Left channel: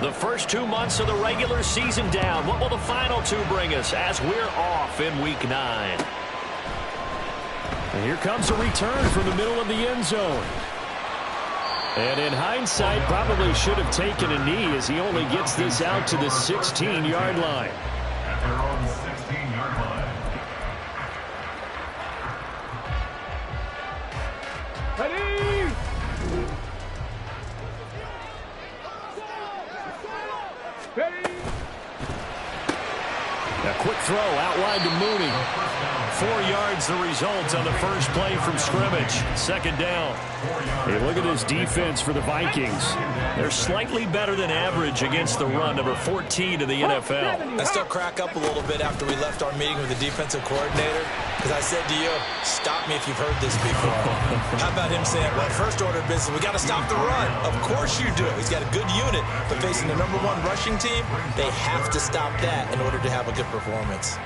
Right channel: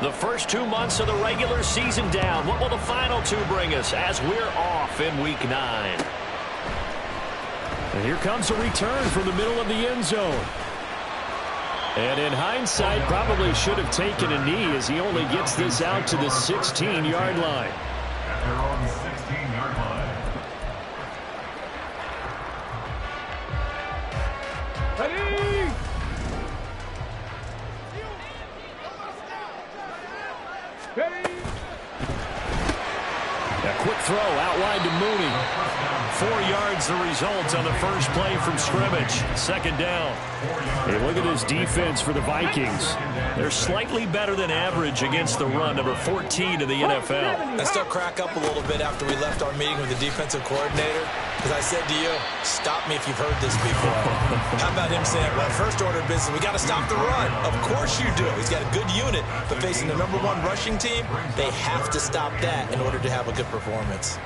The first 2 months of the regular season down. What will the final 2 bring us as we're off in Week 9? And here comes a return from the middle of the end zone. And in hindsight, probably should have taken a knee as he only gets this out to the 16-yard line. At their own 16-yard line. Ready? Ready? A quick throw out wide to Mooney. 4 yards the result on the first play from scrimmage. Second down. Hey, look at this defense for the Vikings. They're slightly better than average against the run, number 14 in the NFL. I still crack up a little bit after we left our meeting with the defensive coordinator because I said to you, stop me if you've heard this before. How about him saying, well, first order of business, we got to stop the run. Of course you do. He's got a good unit, but facing the number 1 rushing team, they have to stop that in order to have a good performance.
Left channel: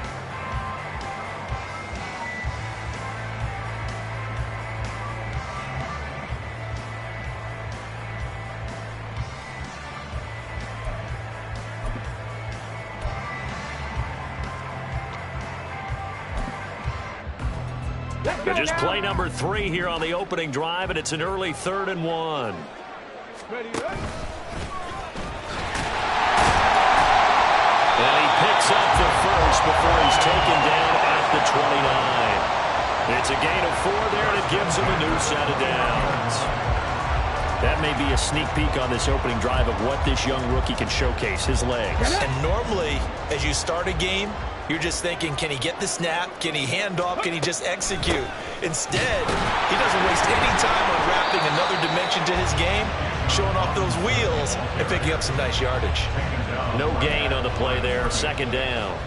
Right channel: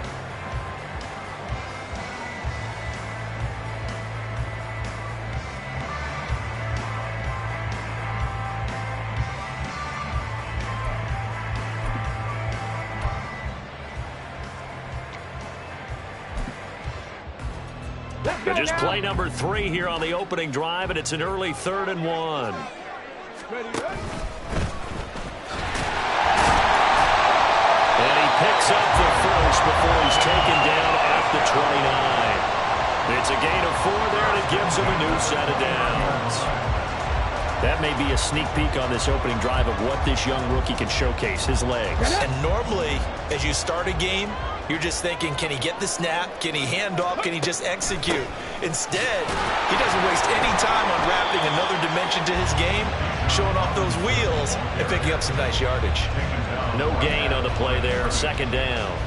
And just play number 3 here on the opening drive, and it's an early 3rd and 1. And he picks up the first before he's taken down at the 29. It's a gain of 4 there, and it gives him a new set of downs. That may be a sneak peek on this opening drive of what this young rookie can showcase, his legs. And normally, as you start a game, you're just thinking, can he get the snap? Can he hand off? Can he just execute? Instead, he doesn't waste any time unwrapping another dimension to his game, showing off those wheels, and picking up some nice yardage. No gain on the play there. Second down.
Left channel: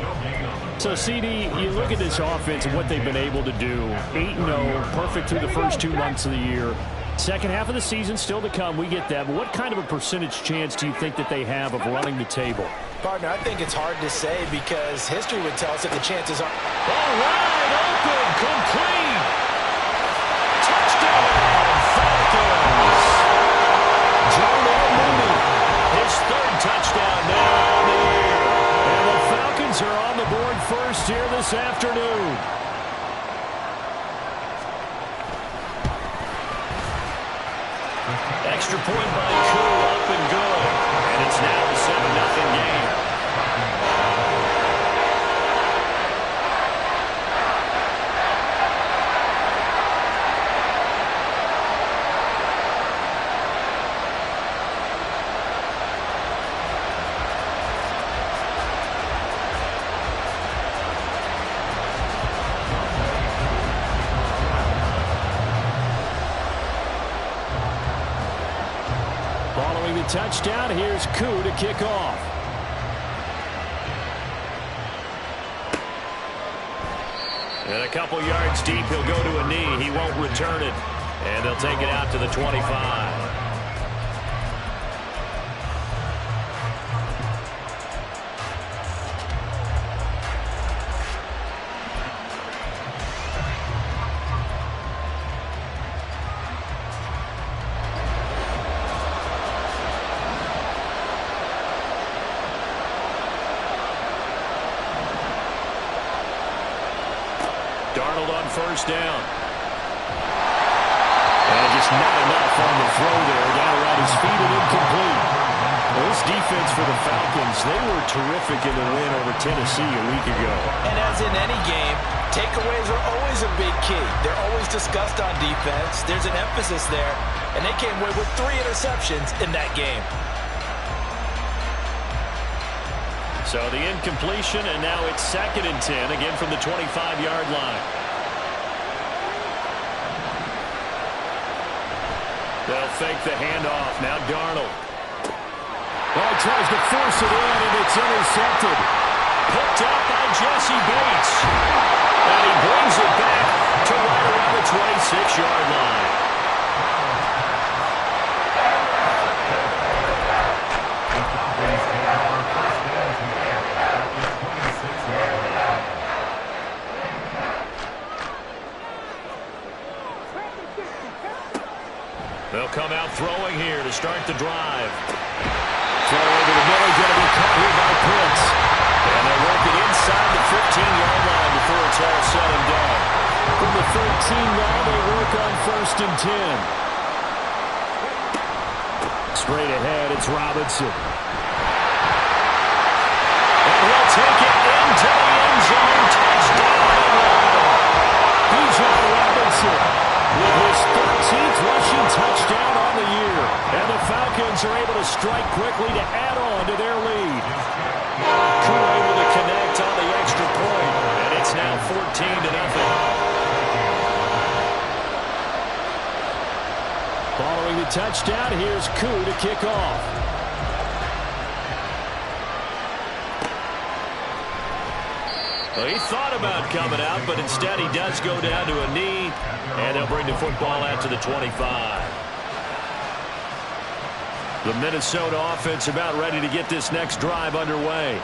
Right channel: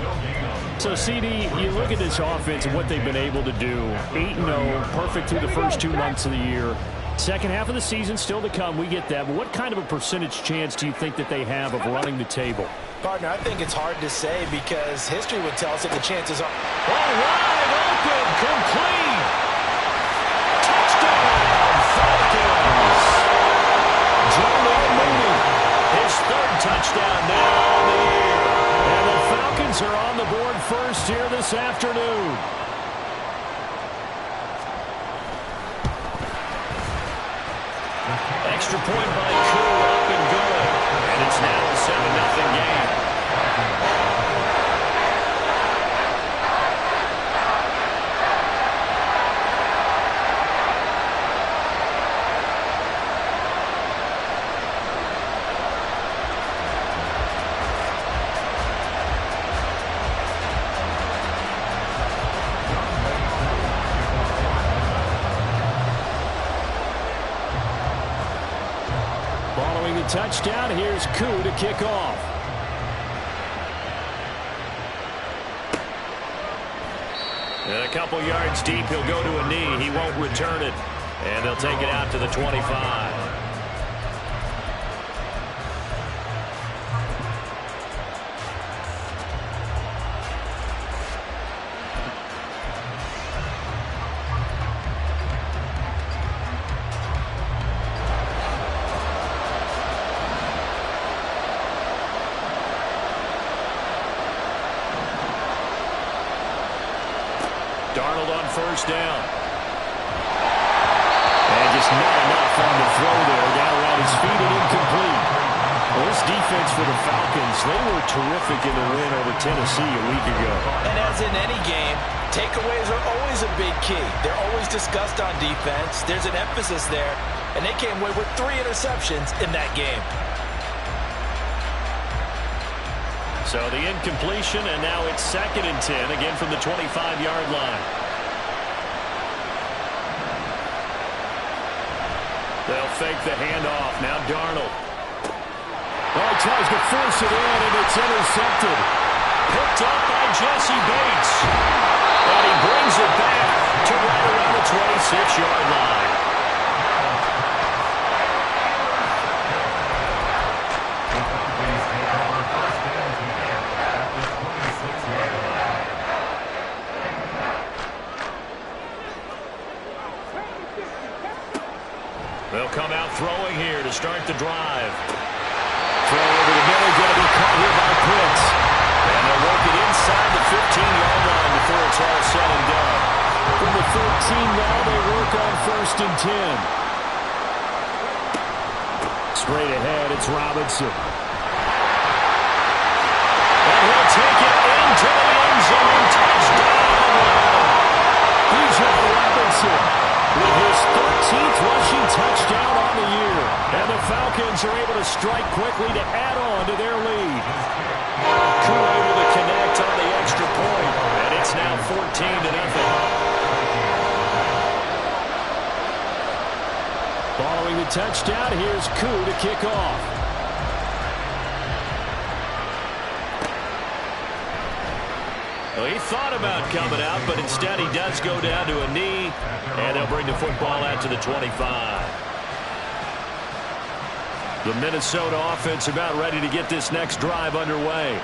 So, CD, you look at this offense and what they've been able to do. 8-0, perfect through the first 2 months of the year. Second half of the season still to come. We get that. But what kind of a percentage chance do you think that they have of running the table? Partner, I think it's hard to say because history would tell us that the chances are... Oh, wide open, complete. Touchdown, Falcons. Darnell Mooney, his 3rd touchdown now on the year. And the Falcons are on the board first here this afternoon. Extra point by Koo, up and good. And it's now a 7-0 game. Following the touchdown, here's Koo to kick off. And a couple yards deep, he'll go to a knee. He won't return it. And they'll take it out to the 25. Darnold on first down. And just not enough on the throw there. Down around his feet and incomplete. Well, this defense for the Falcons, they were terrific in the win over Tennessee a week ago. And as in any game, takeaways are always a big key. They're always discussed on defense. There's an emphasis there. And they came away with 3 interceptions in that game. So the incompletion, and now it's 2nd and 10, again from the 25-yard line. They'll fake the handoff. Now Darnold. Oh, he tries to force it in, and it's intercepted. Picked up by Jesse Bates. And he brings it back to right around the 26-yard line. They'll come out throwing here to start the drive. Throw over the middle, going to be caught here by Pitts. And they'll work it inside the 15-yard line before it's all said and done. From the 13 now, they work on 1st and 10. Straight ahead, it's Robinson. And he'll take it into the end zone. Touchdown! Bijan Robinson with his 13th rushing touchdown on the year. And the Falcons are able to strike quickly to add on to their lead. Koo able to connect on the extra point, and it's now 14-0. Following the touchdown, here's Koo to kick off. Well, he thought about coming out, but instead he does go down to a knee, and they'll bring the football out to the 25. The Minnesota offense about ready to get this next drive underway.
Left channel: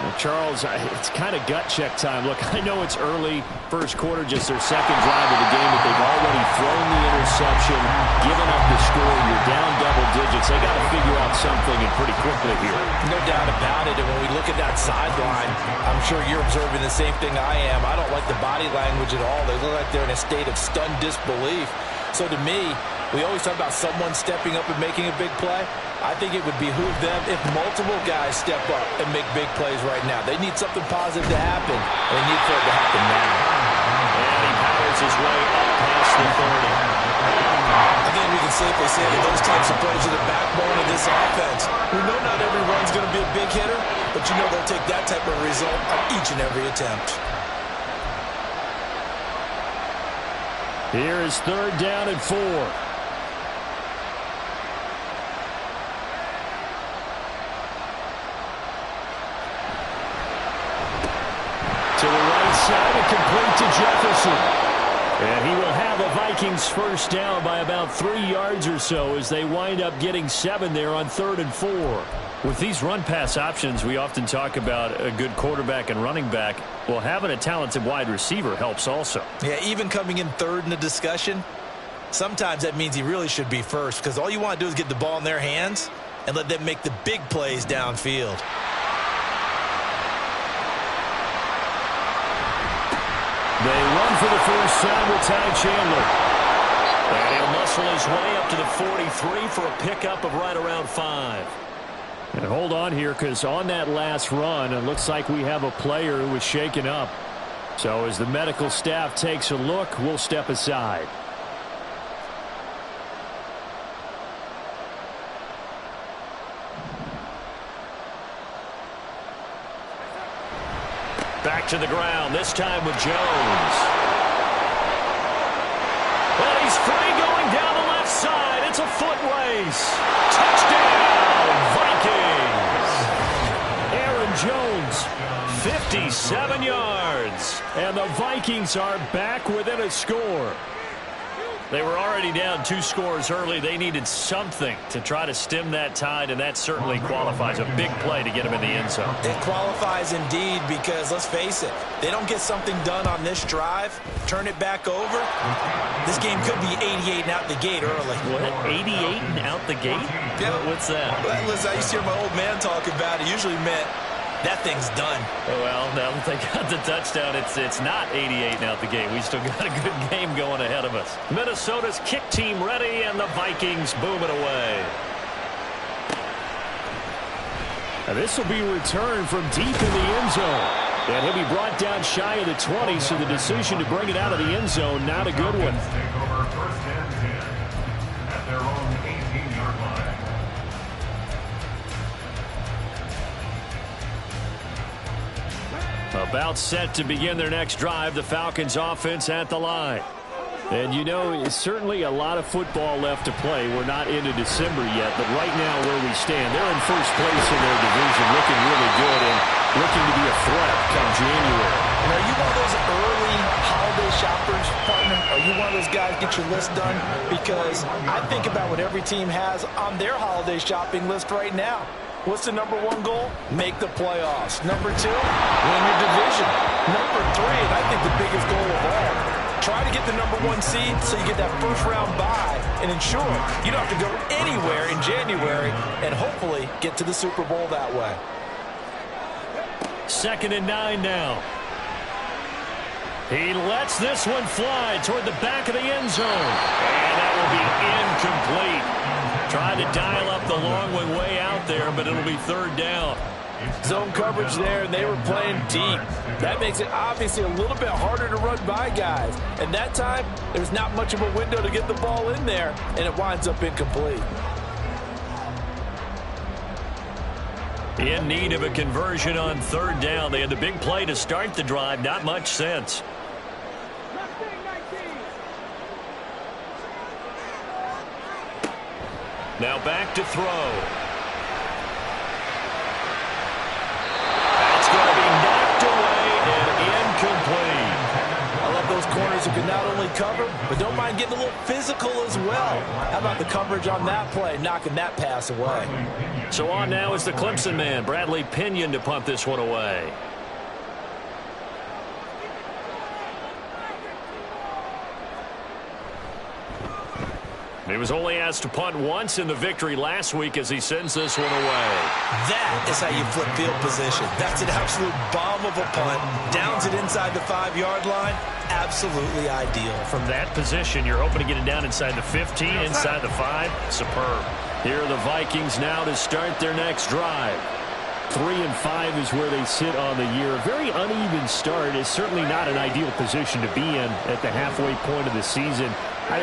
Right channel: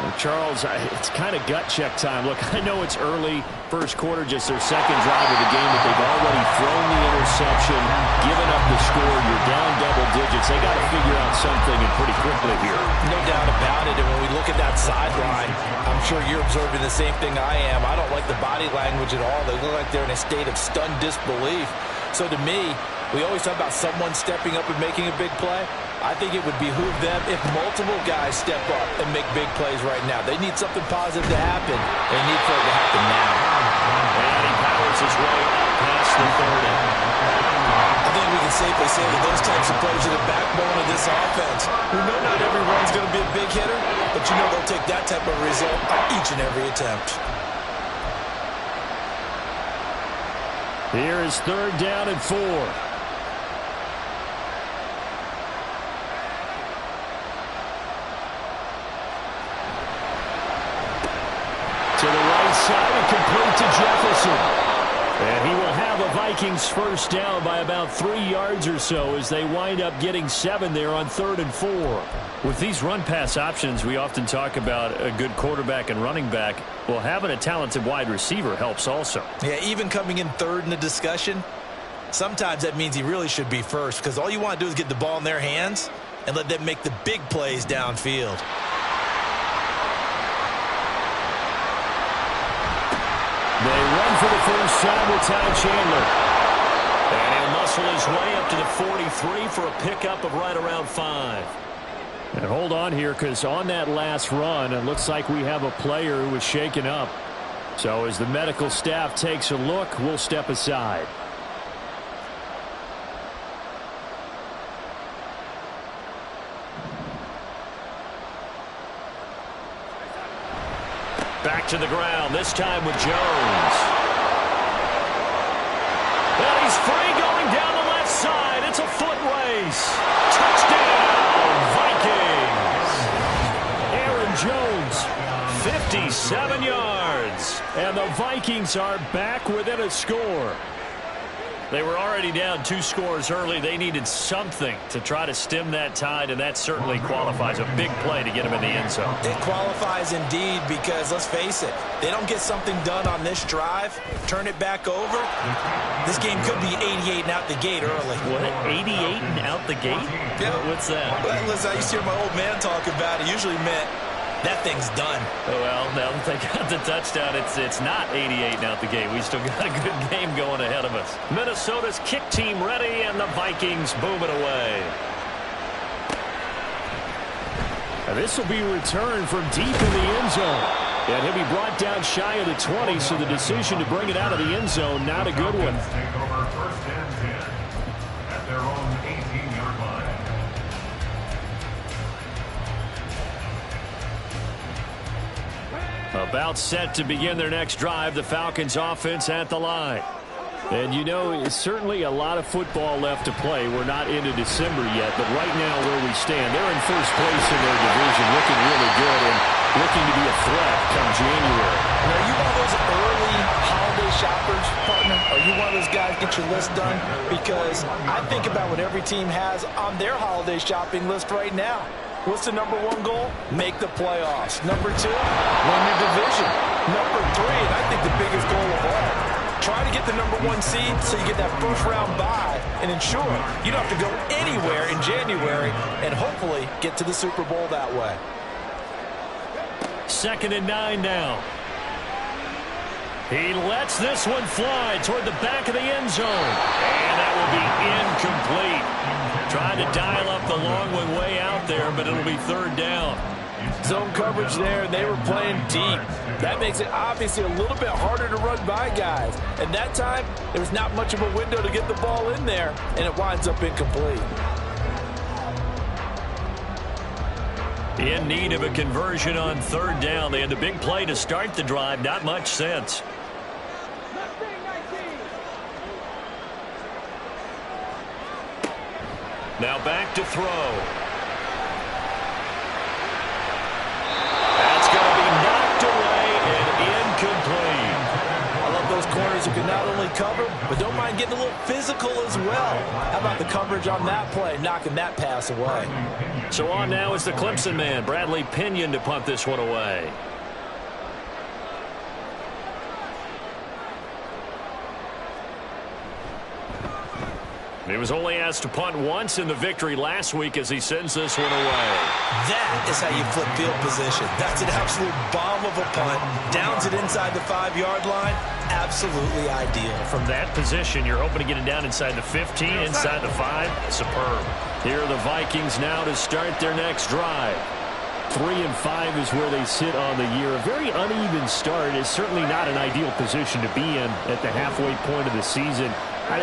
Well, Charles, it's kind of gut check time. Look, I know it's early, first quarter, just their second drive of the game, but they've already thrown the interception, given up the score. You're down double digits. They got to figure out something, and pretty quickly here. No doubt about it. And when we look at that sideline, I'm sure you're observing the same thing I am. I don't like the body language at all. They look like they're in a state of stunned disbelief. So to me, we always talk about someone stepping up and making a big play. I think it would behoove them if multiple guys step up and make big plays right now. They need something positive to happen, and they need for it to happen now. And he powers his way up past the 30. I think we can safely say that those types of plays are the backbone of this offense. We know not every run's going to be a big hitter, but you know they'll take that type of result on each and every attempt. Here is 3rd down and 4. To the right side and complete to Jefferson. And he will have a Vikings first down by about 3 yards or so as they wind up getting 7 there on 3rd and 4. With these run-pass options, we often talk about a good quarterback and running back. Well, having a talented wide receiver helps also. Yeah, even coming in 3rd in the discussion, sometimes that means he really should be first because all you want to do is get the ball in their hands and let them make the big plays downfield. They run for the first time with Ty Chandler. And he'll muscle his way up to the 43 for a pickup of right around 5. And hold on here, because on that last run, it looks like we have a player who was shaken up. So as the medical staff takes a look, we'll step aside. Back to the ground, this time with Jones. Well, he's free going down the left side. It's a foot race. Touchdown, Vikings. Aaron Jones, 57 yards. And the Vikings are back within a score. They were already down 2 scores early. They needed something to try to stem that tide, and that certainly qualifies. A big play to get them in the end zone. It qualifies indeed because, let's face it, they don't get something done on this drive, turn it back over, this game could be 88 and out the gate early. What, 88 and out the gate? Yeah. What's that? Well, listen, I used to hear my old man talk about it. It usually meant that thing's done. Well, now that they got the touchdown, it's not 88 and out the gate. We still got a good game going ahead of us. Minnesota's kick team ready, and the Vikings booming away. And this will be returned from deep in the end zone. And he'll be brought down shy of the 20, so the decision to bring it out of the end zone, not a good one. Take over 1st and 10 at their own 18-yard line. About set to begin their next drive, the Falcons offense at the line. And you know, it's certainly a lot of football left to play. We're not into December yet, but right now where we stand, they're in first place in their division, looking really good and looking to be a threat come January. And are you one of those early holiday shoppers, partner? Are you one of those guys get your list done? Because I think about what every team has on their holiday shopping list right now. What's the number 1 goal? Make the playoffs. Number 2, win your division. Number 3, and I think the biggest goal of all, Try to get the #1 seed so you get that first-round bye and ensure you don't have to go anywhere in January and hopefully get to the Super Bowl that way. 2nd and 9 now. He lets this one fly toward the back of the end zone. And that will be incomplete. Trying to dial up the long one way out there, but it'll be 3rd down. Zone coverage there, and they were playing deep. That makes it obviously a little bit harder to run by guys. And that time, there was not much of a window to get the ball in there, and it winds up incomplete. In need of a conversion on 3rd down. They had the big play to start the drive. Not much sense. Now back to throw. That's going to be knocked away and incomplete. I love those corners who can not only cover, but don't mind getting a little physical as well. How about the coverage on that play, knocking that pass away? So on now is the Clemson man, Bradley Pinion, to punt this one away. He was only asked to punt once in the victory last week as he sends this one away. That is how you flip field position. That's an absolute bomb of a punt. Downs it inside the 5-yard line. Absolutely ideal. From that position, you're hoping to get it down inside the 15, inside the 5. Superb. Here are the Vikings now to start their next drive. 3-5 is where they sit on the year. A very uneven start is certainly not an ideal position to be in at the halfway point of the season.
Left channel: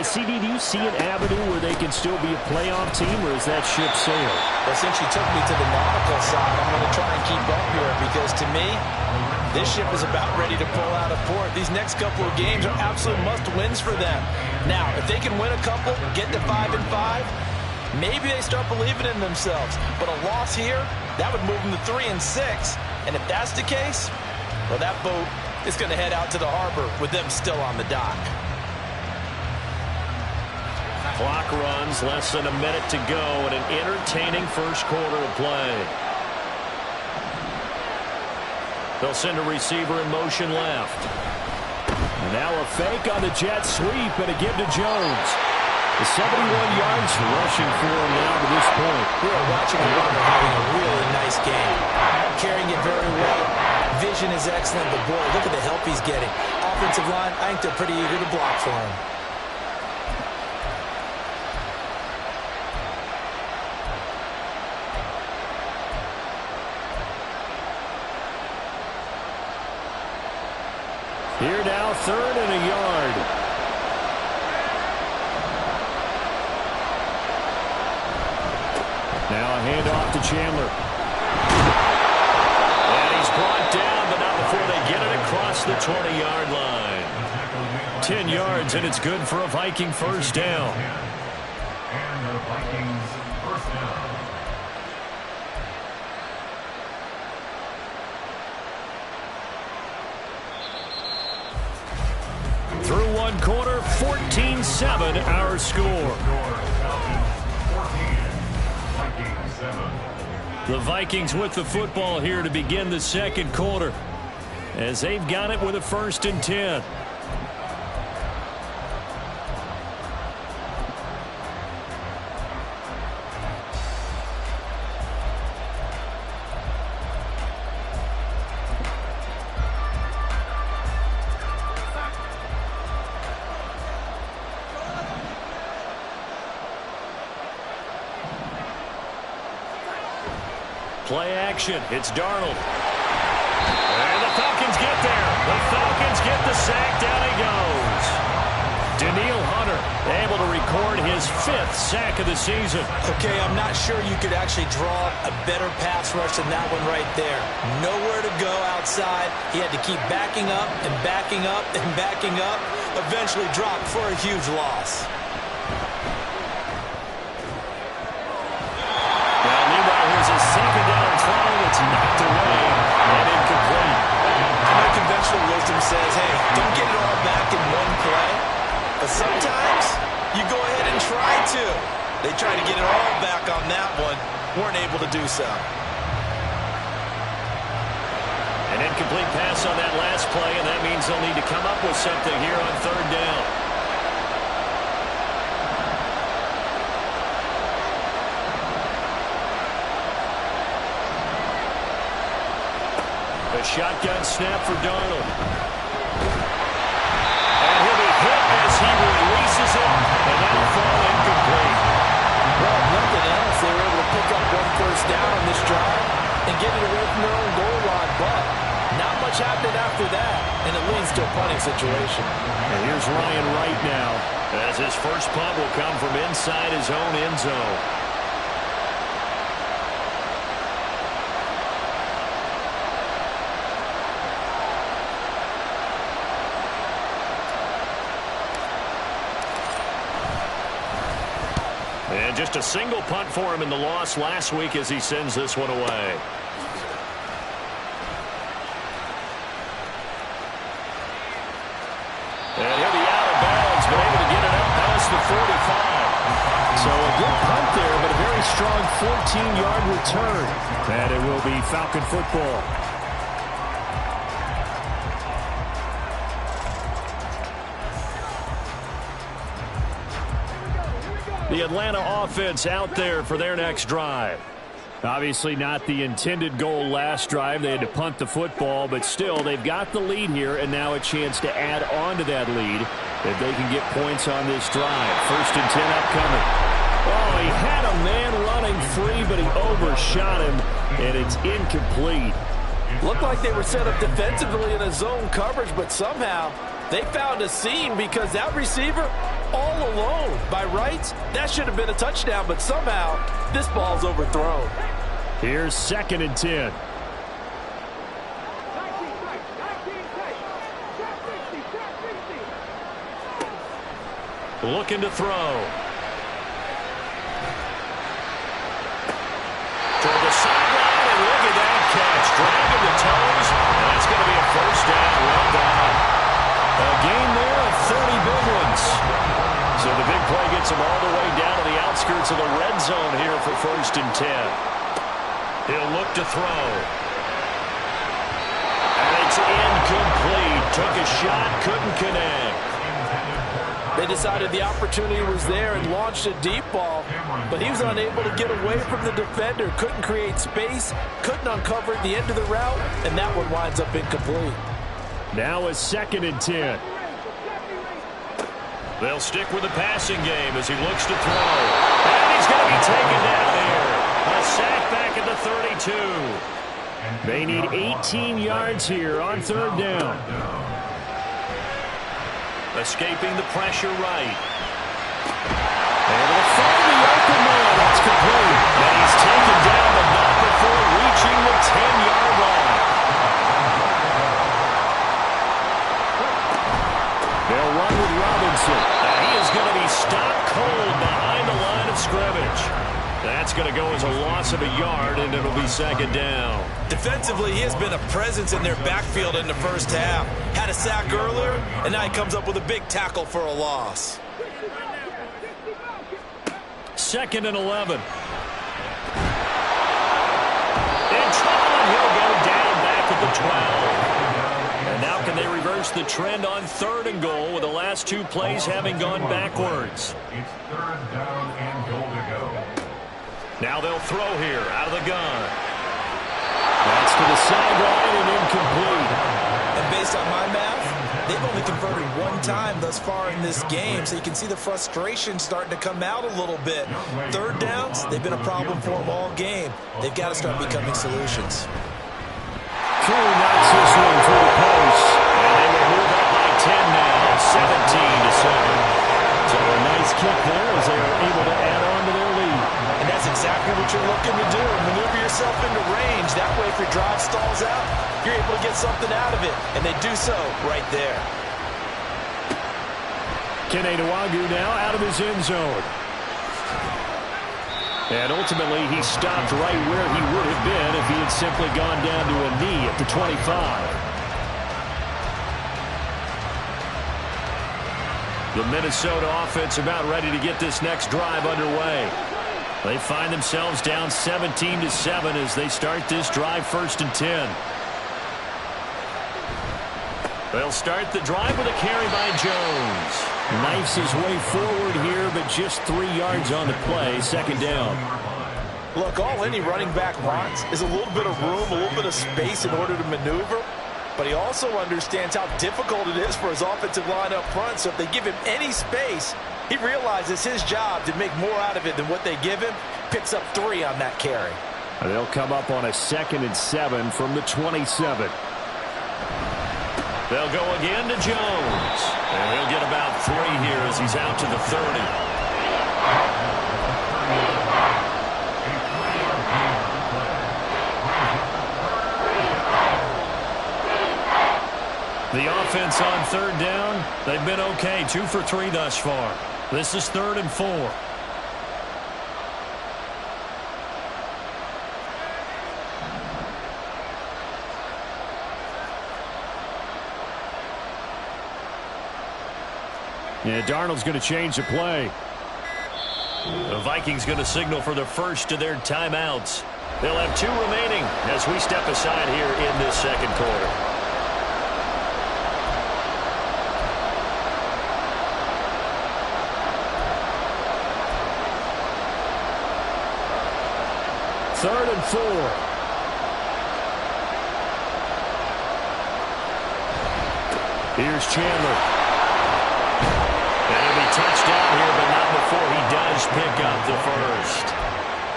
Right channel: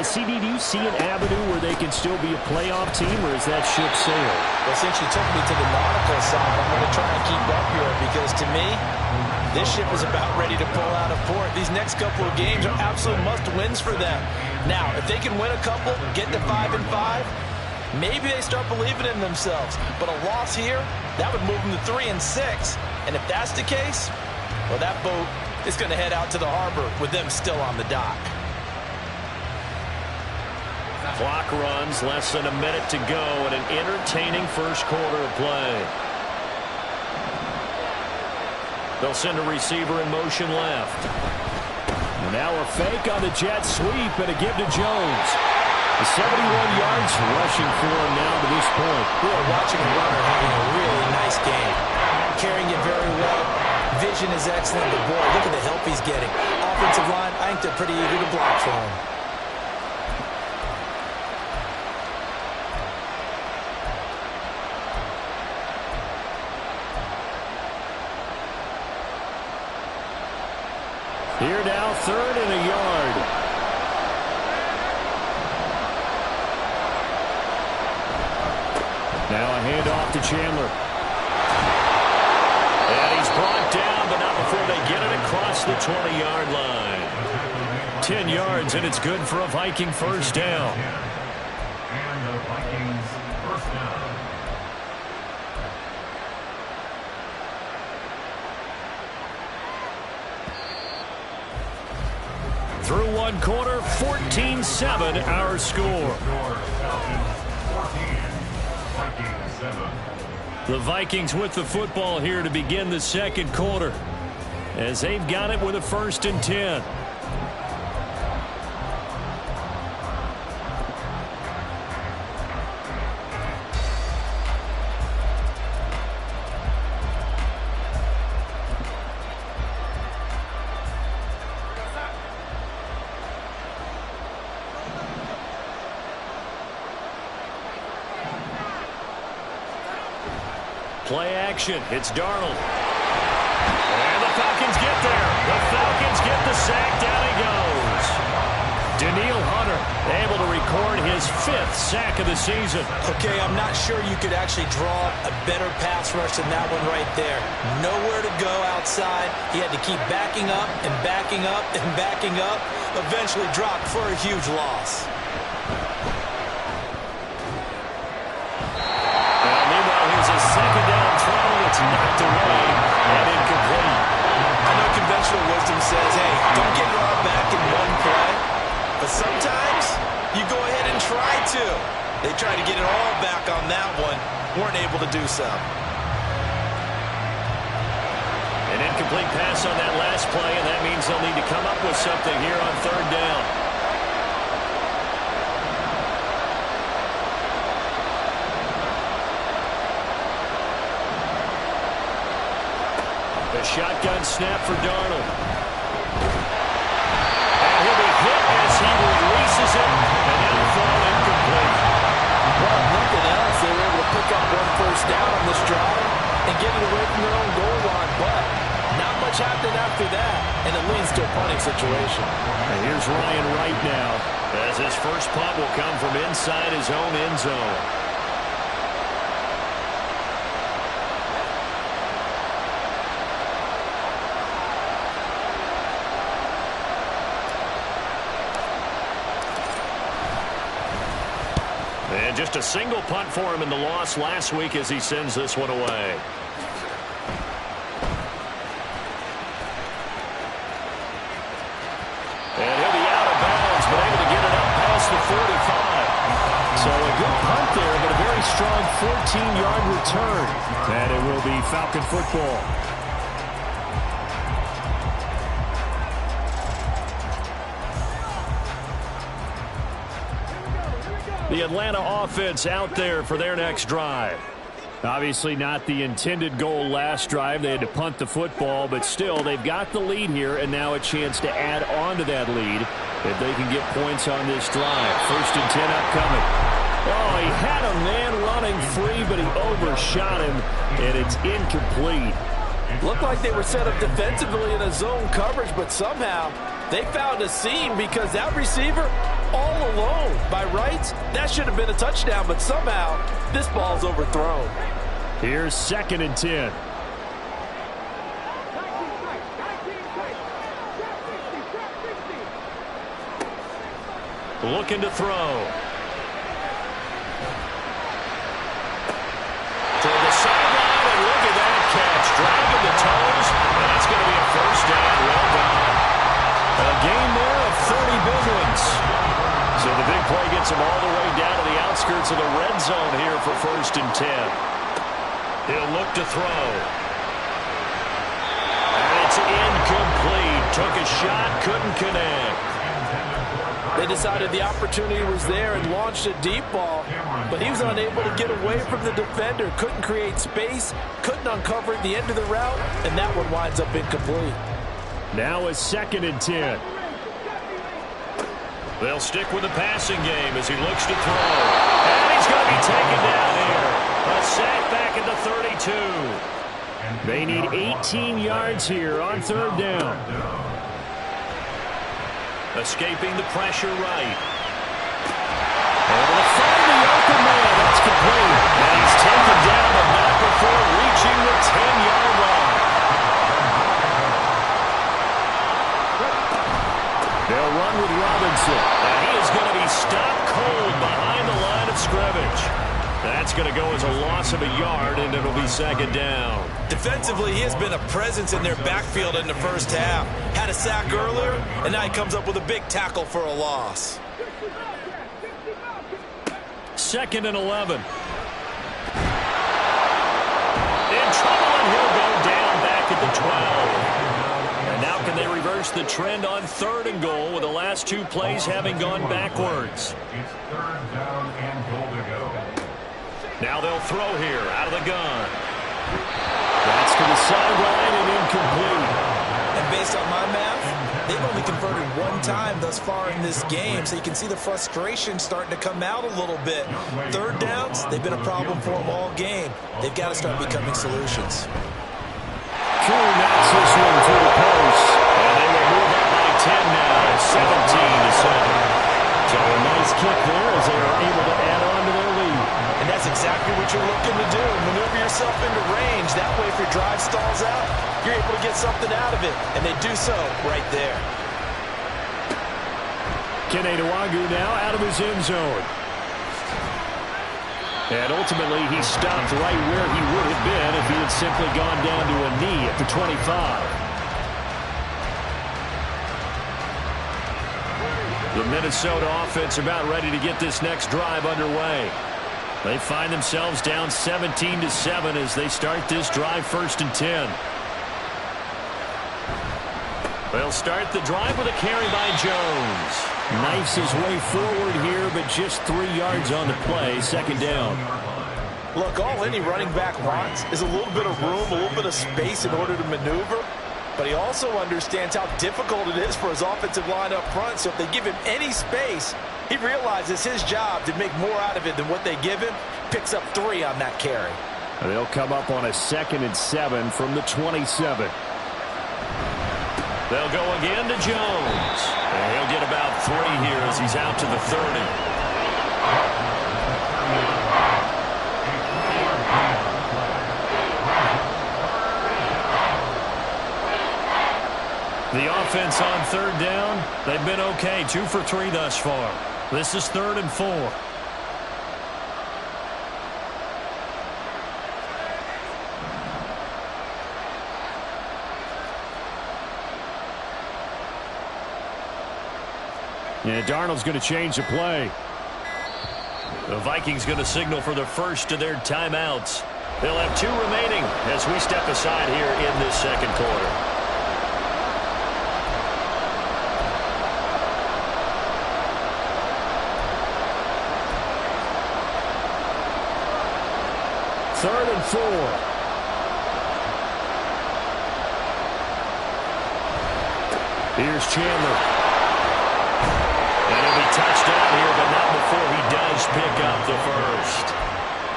CD, do you see an avenue where they can still be a playoff team, or is that ship sailed? Well, since you took me to the nautical side, I'm going to try and keep up here because, to me, this ship is about ready to pull out of port. These next couple of games are absolute must-wins for them. Now, if they can win a couple, get to 5-5, maybe they start believing in themselves. But a loss here, that would move them to 3-6. And if that's the case, well, that boat is going to head out to the harbor with them still on the dock. Clock runs, less than a minute to go, and an entertaining first quarter of play. They'll send a receiver in motion left. And now a fake on the jet sweep and a give to Jones. The 71 yards rushing for him now to this point. We are watching a runner having a really nice game. Carrying it very well. Vision is excellent, but boy, look at the help he's getting. Offensive line, I think they're pretty eager to block for him. Here now, 3rd and a yard. Now a handoff to Chandler. And he's brought down, but not before they get it across the 20-yard line. 10 yards, and it's good for a Viking first down. And the Vikings first down. Through one quarter, 14-7 our score. The Vikings with the football here to begin the second quarter as they've got it with a 1st and 10. Play action. It's Darnold. And the Falcons get there. The Falcons get the sack. Down he goes. Danielle Hunter able to record his 5th sack of the season. Okay, I'm not sure you could actually draw a better pass rush than that one right there. Nowhere to go outside. He had to keep backing up and backing up and backing up. Eventually dropped for a huge loss. Meanwhile, here's a 2nd down throw that's knocked away and incomplete. I know conventional wisdom says, hey, don't get it all back in one play. But sometimes you go ahead and try to. They tried to get it all back on that one. Weren't able to do so. An incomplete pass on that last play, and that means they'll need to come up with something here on third down. A shotgun snap for Darnold. And he'll be hit as he releases it, and that'll fall incomplete. Well, if nothing else, they were able to pick up one first down on this drive and get it away from their own goal line, but not much happened after that, and it leads to a punting situation. And here's Ryan Wright now, as his first punt will come from inside his own end zone. And just a single punt for him in the loss last week as he sends this one away. And he'll be out of bounds, but able to get it up past the 45. So a good punt there, but a very strong 14-yard return. And it will be Falcon football. The Atlanta offense out there for their next drive. Obviously not the intended goal last drive. They had to punt the football, but still they've got the lead here and now a chance to add on to that lead if they can get points on this drive. 1st and 10 upcoming. Oh, he had a man running free, but he overshot him, and it's incomplete. Looked like they were set up defensively in a zone coverage, but somehow they found a seam because that receiver all alone. By rights, that should have been a touchdown, but somehow this ball's overthrown. Here's 2nd and 10. Looking to throw. Toward the sideline, and look at that catch. Dragging the toes, and that's going to be a first down. Well done. A gain there of 30 big ones. So the big play gets him all the way down to the outskirts of the red zone here for 1st and 10. He'll look to throw. And it's incomplete. Took a shot, couldn't connect. They decided the opportunity was there and launched a deep ball, but he was unable to get away from the defender. Couldn't create space, couldn't uncover at the end of the route, and that one winds up incomplete. Now a 2nd and 10. They'll stick with the passing game as he looks to throw. And he's going to be taken down here. A sack back at the 32. They need 18 yards here on 3rd down. Escaping the pressure right. Able to find the open man. That's complete. And he's taken down, but not before reaching the 10-yard line. They'll run with Robinson. And he is going to be stopped cold behind the line of scrimmage. That's going to go as a loss of a yard, and it'll be 2nd down. Defensively, he has been a presence in their backfield in the first half. Had a sack earlier, and now he comes up with a big tackle for a loss. 2nd and 11. In trouble, and he'll go down back at the 12. And now can they reverse the trend on 3rd and goal with the last 2 plays having gone backwards? It's 3rd down and goal to go. Now they'll throw here out of the gun. That's to the sideline and incomplete. And based on my math, they've only converted 1 time thus far in this game, so you can see the frustration starting to come out a little bit. 3rd downs, they've been a problem for them all game. They've got to start becoming solutions. Koo knocks this one through the post. And they will move up by 10 now, 17-7. So a nice kick there as they are able to add on to their lead. And that's exactly what you're looking to do. Maneuver yourself into range. That way, if your drive stalls out, you're able to get something out of it. And they do so right there. Kene Nwangwu now out of his end zone. And ultimately, he stopped right where he would have been if he had simply gone down to a knee at the 25. The Minnesota offense about ready to get this next drive underway. They find themselves down 17-7 as they start this drive 1st and 10. They'll start the drive with a carry by Jones. Knifes his way forward here, but just 3 yards on the play. Second down. Look, all any running back wants is a little bit of room, a little bit of space in order to maneuver. But he also understands how difficult it is for his offensive line up front. So if they give him any space, he realizes his job to make more out of it than what they give him. Picks up 3 on that carry. They'll come up on a 2nd and 7 from the 27. They'll go again to Jones. And he'll get about 3 here as he's out to the 30. The offense on 3rd down, they've been okay. 2 for 3 thus far. This is 3rd and 4. Yeah, Darnold's going to change the play. The Vikings going to signal for the first of their timeouts. They'll have 2 remaining as we step aside here in this second quarter. Third and 4. Here's Chandler. And he'll be touched out here, but not before he does pick up the first.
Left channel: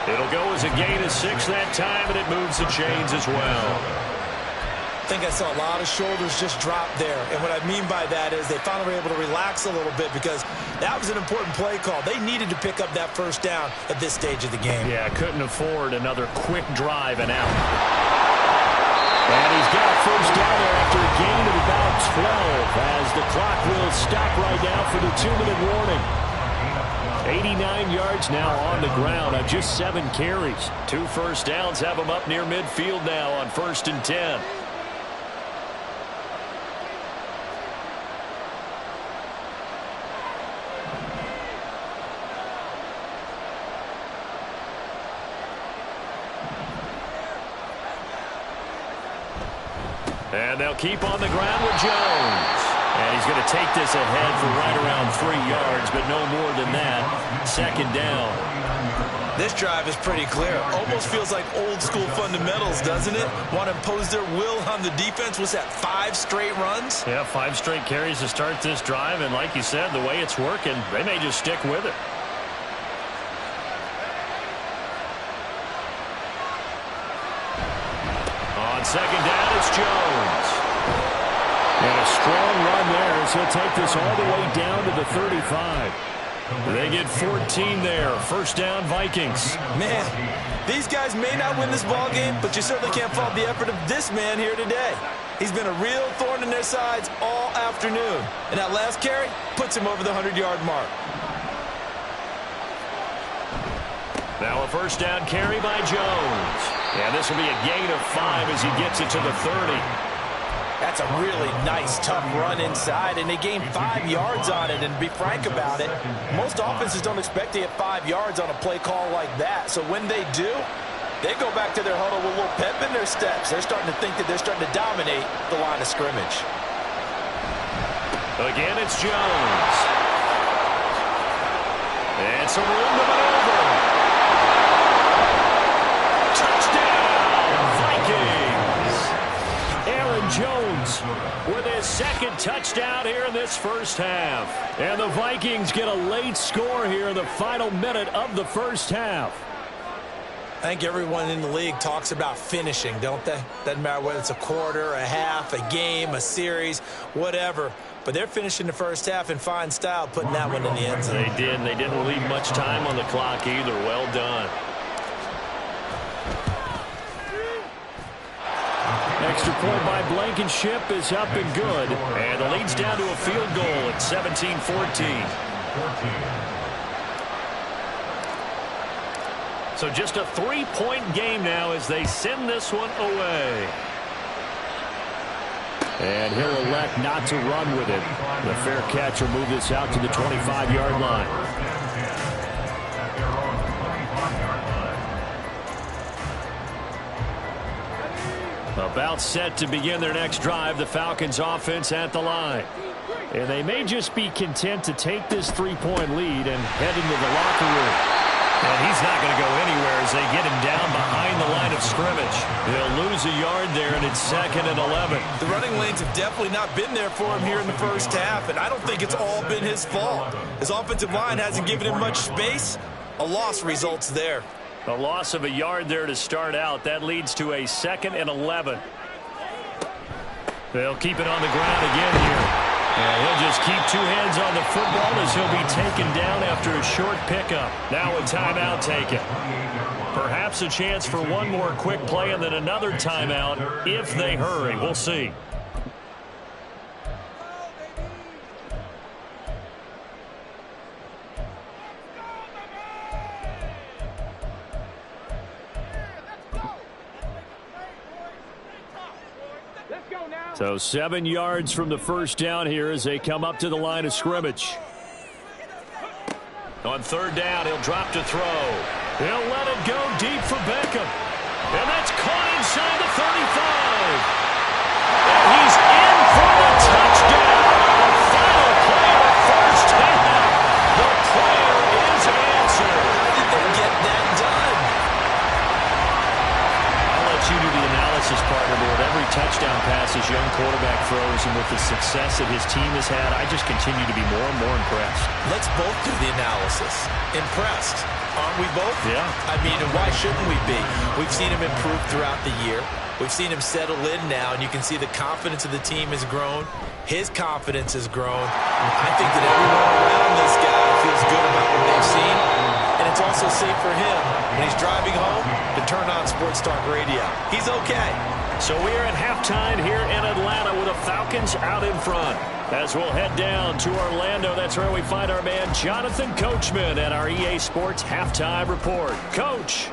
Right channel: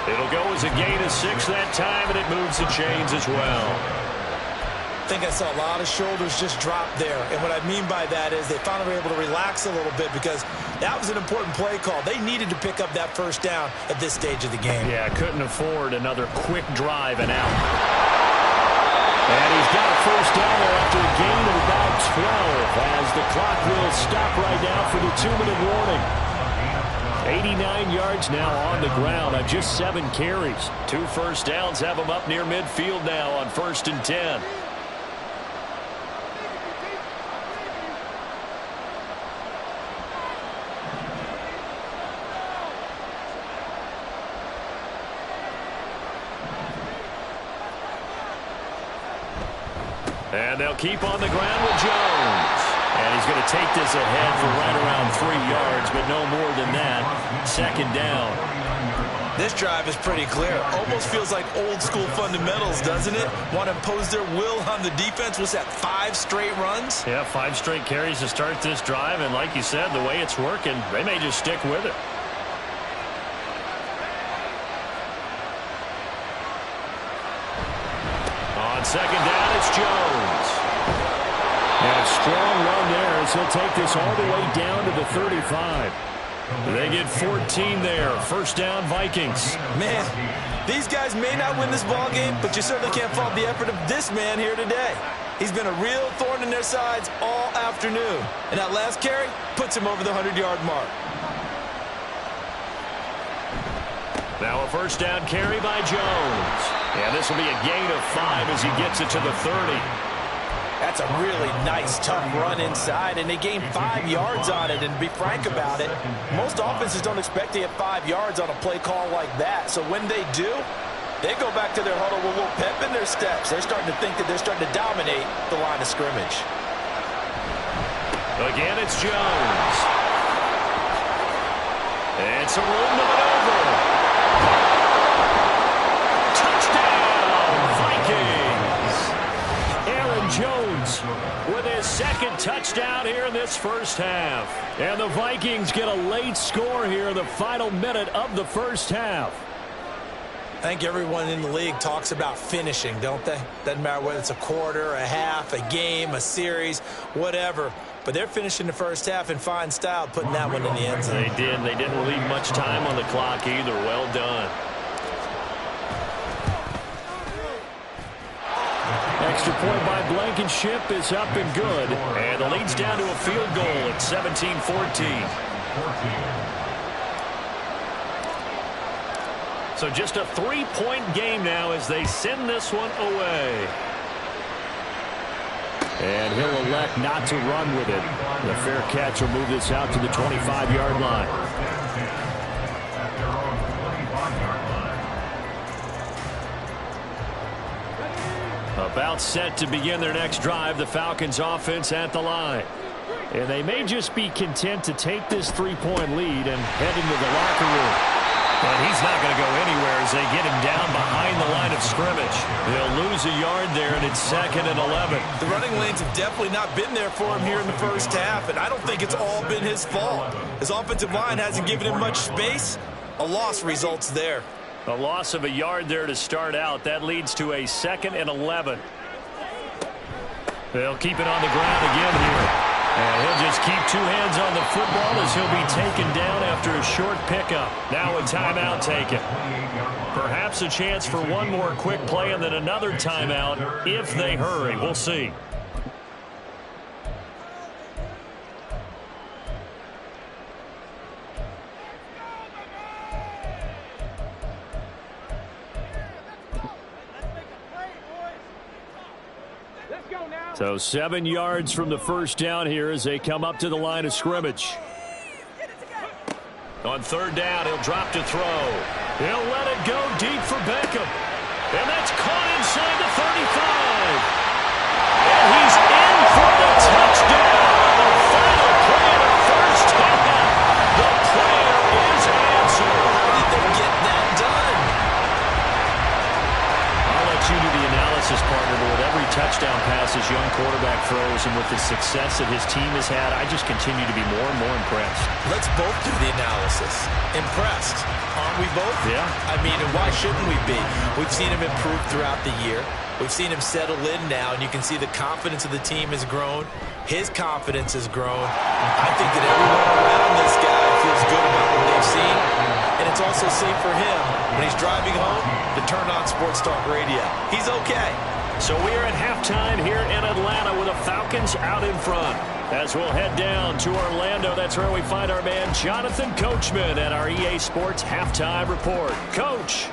It'll go as a gain of 6 that time, and it moves the chains as well. I think I saw a lot of shoulders just drop there. And what I mean by that is they finally were able to relax a little bit because that was an important play call. They needed to pick up that first down at this stage of the game. Yeah, couldn't afford another quick drive and out. And he's got a first down there after a gain of about 12 as the clock will stop right now for the 2-minute warning. 89 yards now on the ground on just 7 carries. 2 first downs have him up near midfield now on 1st and 10. And they'll keep on the ground with Jones. And he's going to take this ahead for right around 3 yards, but no more than that. 2nd down. This drive is pretty clear. Almost feels like old school fundamentals, doesn't it? Want to impose their will on the defense. What's that, 5 straight runs? Yeah, 5 straight carries to start this drive. And like you said, the way it's working, they may just stick with it. On 2nd down, it's Jones. And a strong run there as he'll take this all the way down to the 35. They get 14 there. First down, Vikings. Man, these guys may not win this ball game, but you certainly can't fault the effort of this man here today. He's been a real thorn in their sides all afternoon. And that last carry puts him over the 100-yard mark. Now a first down carry by Jones. Yeah, this will be a gain of 5 as he gets it to the 30. That's a really nice, tough run inside, and they gained 5 yards on it. And to be frank about it, most offenses don't expect to get 5 yards on a play call like that. So when they do, they go back to their huddle with a little pep in their steps. They're starting to think that they're starting to dominate the line of scrimmage. Again, it's Jones. And some room to maneuver. Aaron Jones with his 2nd touchdown here in this first half. And the Vikings get a late score here in the final minute of the first half. I think everyone in the league talks about finishing, don't they? Doesn't matter whether it's a quarter, a half, a game, a series, whatever. But they're finishing the first half in fine style, putting that one in the end zone. They did. They didn't leave much time on the clock either. Well done. Extra point by Blankenship is up and good. And the lead's down to a field goal at 17-14. So just a 3-point game now as they send this one away. And he'll elect not to run with it. The fair catch will move this out to the 25-yard line. About set to begin their next drive, the Falcons offense at the line. And they may just be content to take this 3-point lead and head into the locker room. And he's not going to go anywhere as they get him down behind the line of scrimmage. They'll lose a yard there, and it's 2nd and 11. The running lanes have definitely not been there for him here in the first half, and I don't think it's all been his fault. His offensive line hasn't given him much space. A loss results there. A loss of a yard there to start out. That leads to a 2nd and 11. They'll keep it on the ground again here. And he'll just keep 2 hands on the football as he'll be taken down after a short pickup. Now a timeout taken. Perhaps a chance for one more quick play and then another timeout if they hurry. We'll see. So 7 yards from the first down here as they come up to the line of scrimmage. On 3rd down, he'll drop to throw. He'll let it go deep for Beckham. And that's caught inside the 35. And he's in for the touchdown on the final play of the first half. The player is answered. How did they get that done? You do the analysis, partner, but with every touchdown pass this young quarterback throws and with the success that his team has had, I just continue to be more and more impressed. Let's both do the analysis. Impressed, aren't we both? Yeah. I mean, and why shouldn't we be? We've seen him improve throughout the year. We've seen him settle in now, and you can see the confidence of the team has grown. His confidence has grown. I think that everyone around this guy feels good about what they've seen. And it's also safe for him when he's driving home to turn on Sports Talk Radio. He's okay. So we are at halftime here in Atlanta with the Falcons out in front. As we'll head down to Orlando, that's where we find our man Jonathan Coachman at our EA Sports Halftime Report. Coach.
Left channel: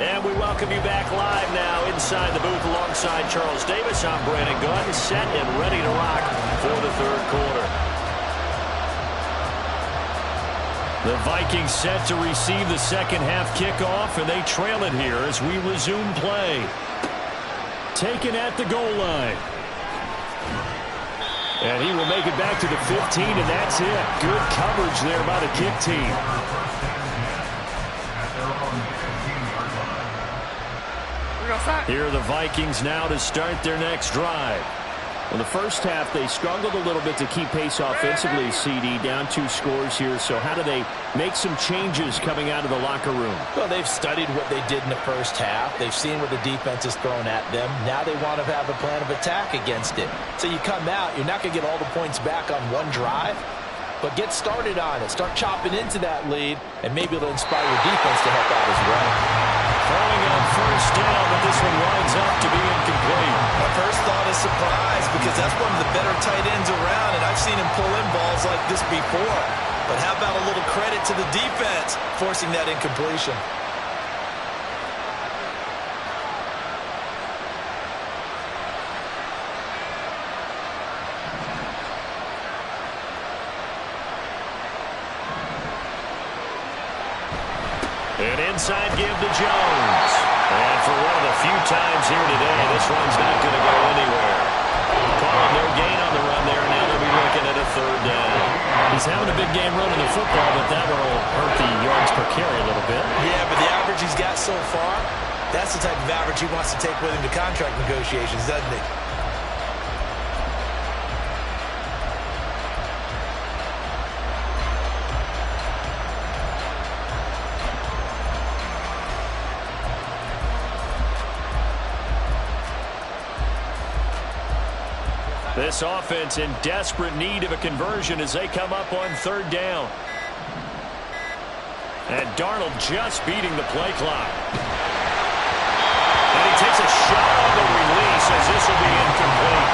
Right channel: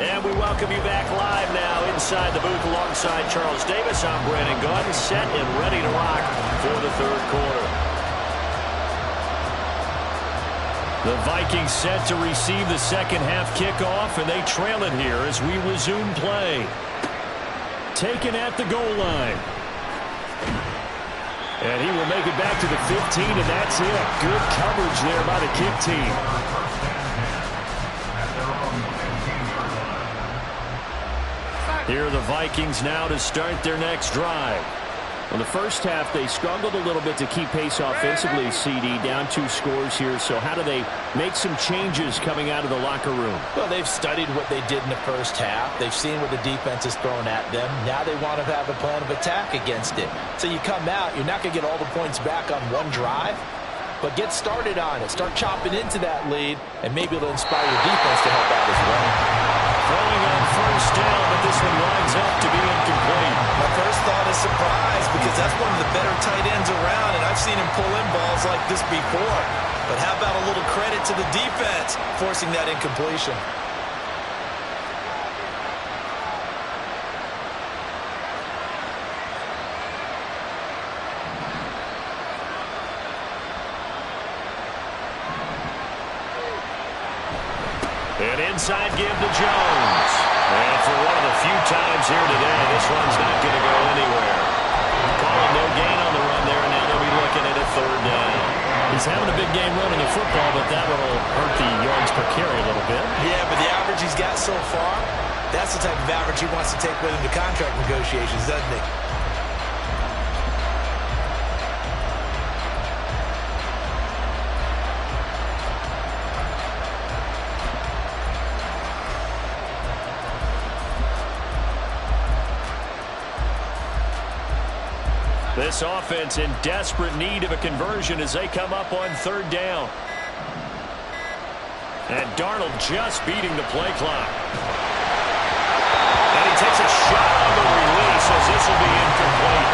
And we welcome you back live now inside the booth alongside Charles Davis. I'm Brandon Gaudin, set and ready to rock for the 3rd quarter. The Vikings set to receive the 2nd half kickoff, and they trail it here as we resume play. Taken at the goal line. And he will make it back to the 15, and that's it. Good coverage there by the kick team. Here are the Vikings now to start their next drive. Well, the first half, they struggled a little bit to keep pace offensively, CD, down 2 scores here. So how do they make some changes coming out of the locker room? Well, they've studied what they did in the first half. They've seen what the defense is throwing at them. Now they want to have a plan of attack against it. So you come out, you're not going to get all the points back on one drive, but get started on it. Start chopping into that lead, and maybe it'll inspire your defense to help out as well. Throwing on first down, but this one winds up to be incomplete. My first thought is surprise because that's one of the better tight ends around, and I've seen him pull in balls like this before. But how about a little credit to the defense forcing that incompletion? An inside give to Jones. And for one of the few times here today, this run's not going to go anywhere. Calling no gain on the run there, and now they'll be looking at a 3rd down. He's having a big game running the football, but that one will hurt the yards per carry a little bit. Yeah, but the average he's got so far, that's the type of average he wants to take with him to contract negotiations, doesn't he? This offense in desperate need of a conversion as they come up on 3rd down. And Darnold just beating the play clock. And he takes a shot on the release as this will be incomplete.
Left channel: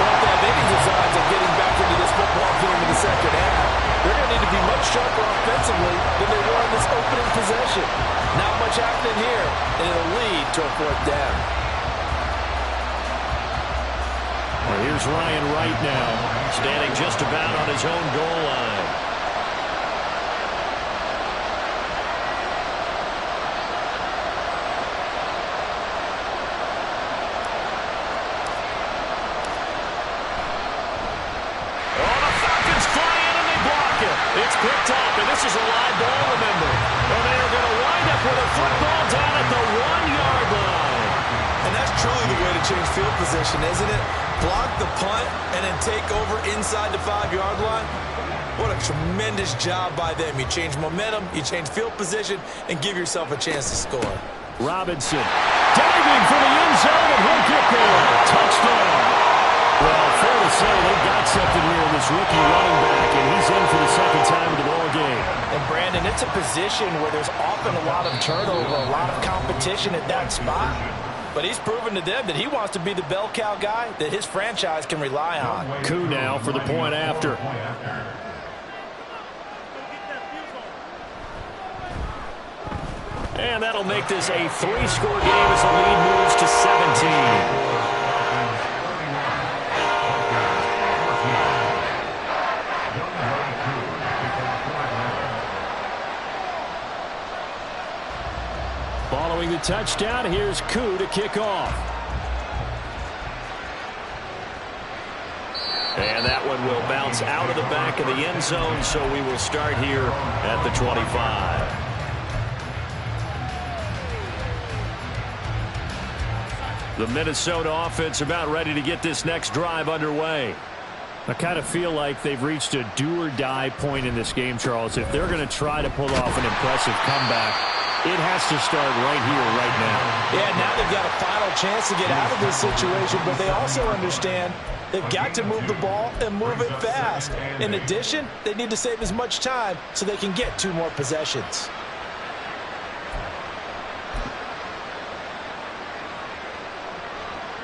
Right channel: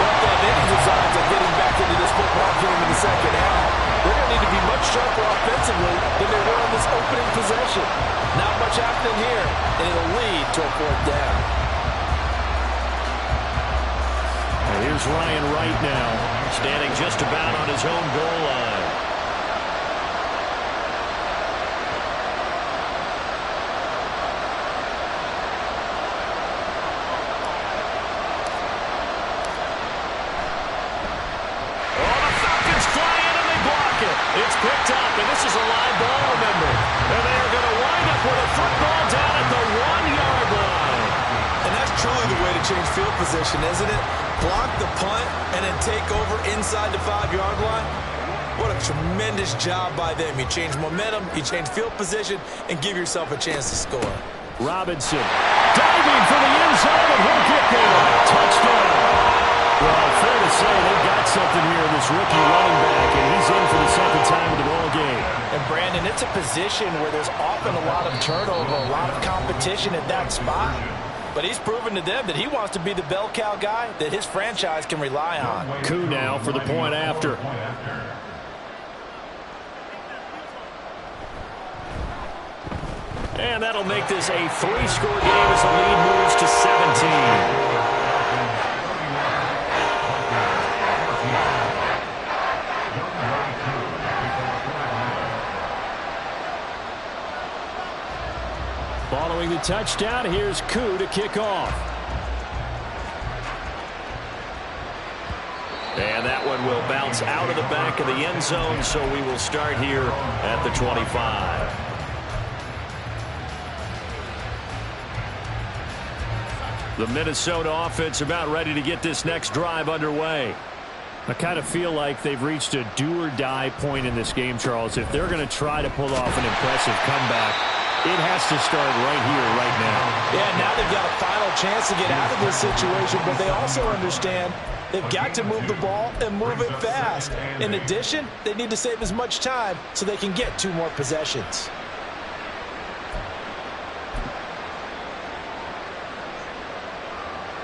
Well, if they have any designs of getting back into this football game in the 2nd half, they're going to need to be much sharper offensively than they were on this opening possession. Not much happening here, and it'll lead to a 4th down. And here's Ryan Wright now, standing just about on his own goal line. picked up, and this is a live ball, remember. And they are going to wind up with a football down at the 1-yard line. And that's truly the way to change field position, isn't it? Block the punt and then take over inside the 5-yard line. What a tremendous job by them. You change momentum, you change field position, and give yourself a chance to score. Robinson diving for the end zone, and he'll get there. Touchdown. Well, fair to say they've got something here in this rookie running back, and he's in for the second time of the ball game. And, Brandon, it's a position where there's often a lot of turnover, a lot of competition at that spot. But he's proven to them that he wants to be the bell cow guy that his franchise can rely on. Koo now for the point after. And that'll make this a 3-score game as the lead moves to 17. Following the touchdown, here's Koo to kick off. And that one will bounce out of the back of the end zone, so we will start here at the 25. The Minnesota offense about ready to get this next drive underway. I kind of feel like they've reached a do-or-die point in this game, Charles. If they're going to try to pull off an impressive comeback, it has to start right here, right now. Yeah, now they've got a final chance to get out of this situation, but they also understand they've got to move the ball and move it fast. In addition, they need to save as much time so they can get 2 more possessions.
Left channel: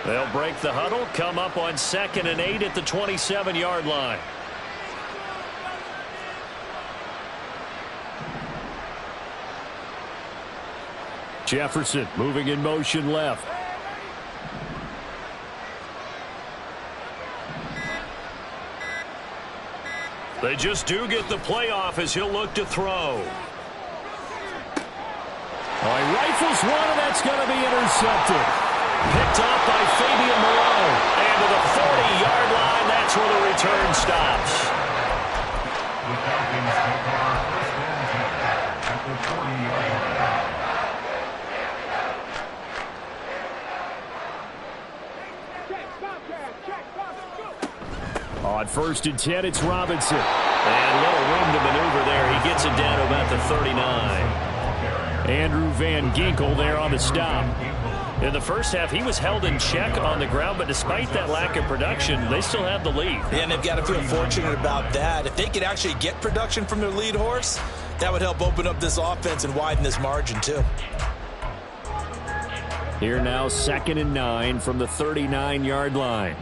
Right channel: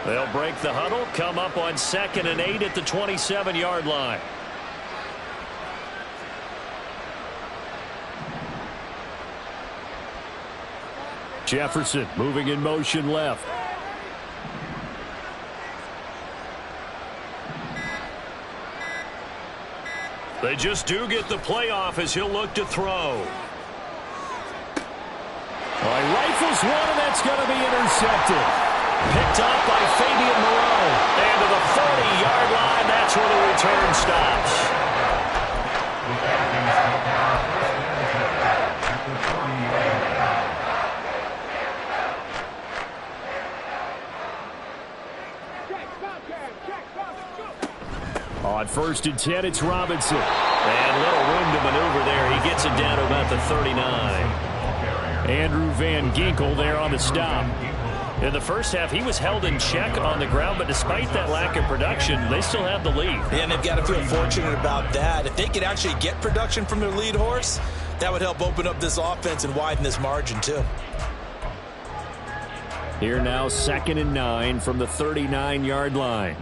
They'll break the huddle, come up on 2nd and 8 at the 27-yard line. Jefferson moving in motion left. They just do get the playoff as he'll look to throw. Oh, he rifles one, and that's going to be intercepted. Picked up by Fabian Moreau. And to the 40-yard line, that's where the return stops. On 1st and 10, it's Robinson. And little room to maneuver there. He gets it down to about the 39. Andrew Van Ginkel there on the stop. In the first half, he was held in check on the ground, but despite that lack of production, they still have the lead. Yeah, and they've got to feel fortunate about that. If they could actually get production from their lead horse, that would help open up this offense and widen this margin, too. Here now, 2nd and 9 from the 39-yard line.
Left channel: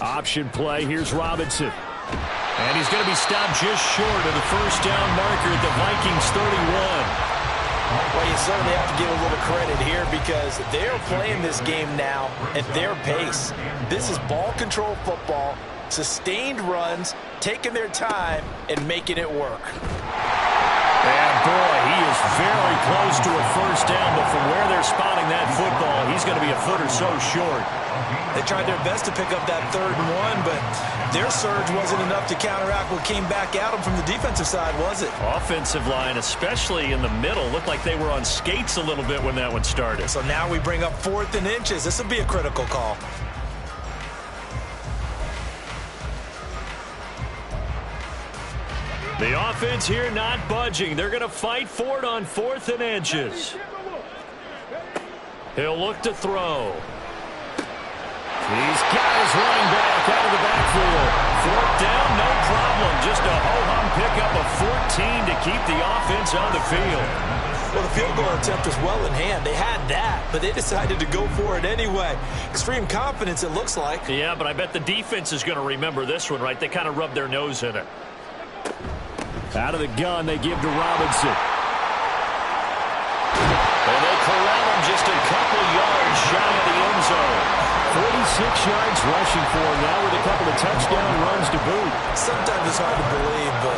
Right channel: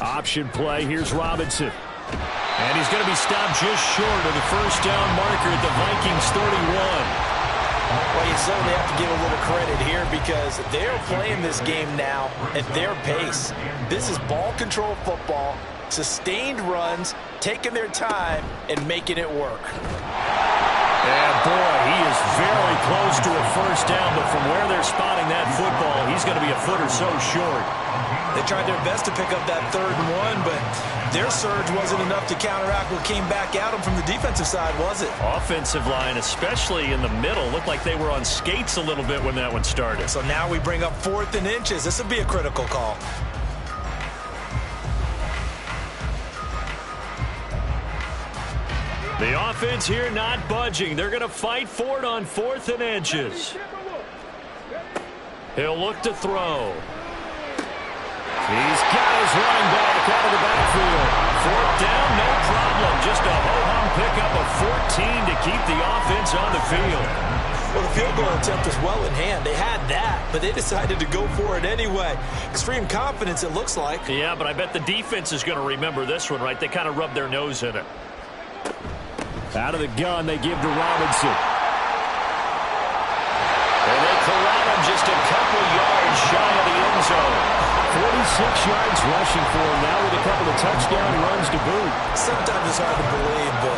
Option play. Here's Robinson. And he's going to be stopped just short of the first down marker at the Vikings 31. Well, you certainly have to give a little credit here because they're playing this game now at their pace. This is ball control football, sustained runs, taking their time, and making it work. And boy, he is very close to a first down, but from where they're spotting that football, he's going to be a foot or so short. They tried their best to pick up that 3rd and 1, but their surge wasn't enough to counteract what came back at them from the defensive side, was it? Offensive line, especially in the middle, looked like they were on skates a little bit when that one started. So now we bring up 4th and inches. This will be a critical call. The offense here not budging. They're going to fight for it on 4th and inches. He'll look to throw. He's got his running back out of the backfield. 4th down, no problem. Just a ho-hum pickup of 14 to keep the offense on the field. Well, the field goal attempt was well in hand. They had that, but they decided to go for it anyway. Extreme confidence, it looks like. Yeah, but I bet the defense is going to remember this one, right? They kind of rubbed their nose in it. Out of the gun, they give to Robinson. And they corral him just a couple yards shy of the end zone. 46 yards rushing for him now with a couple of touchdown runs to boot. Sometimes it's hard to believe, but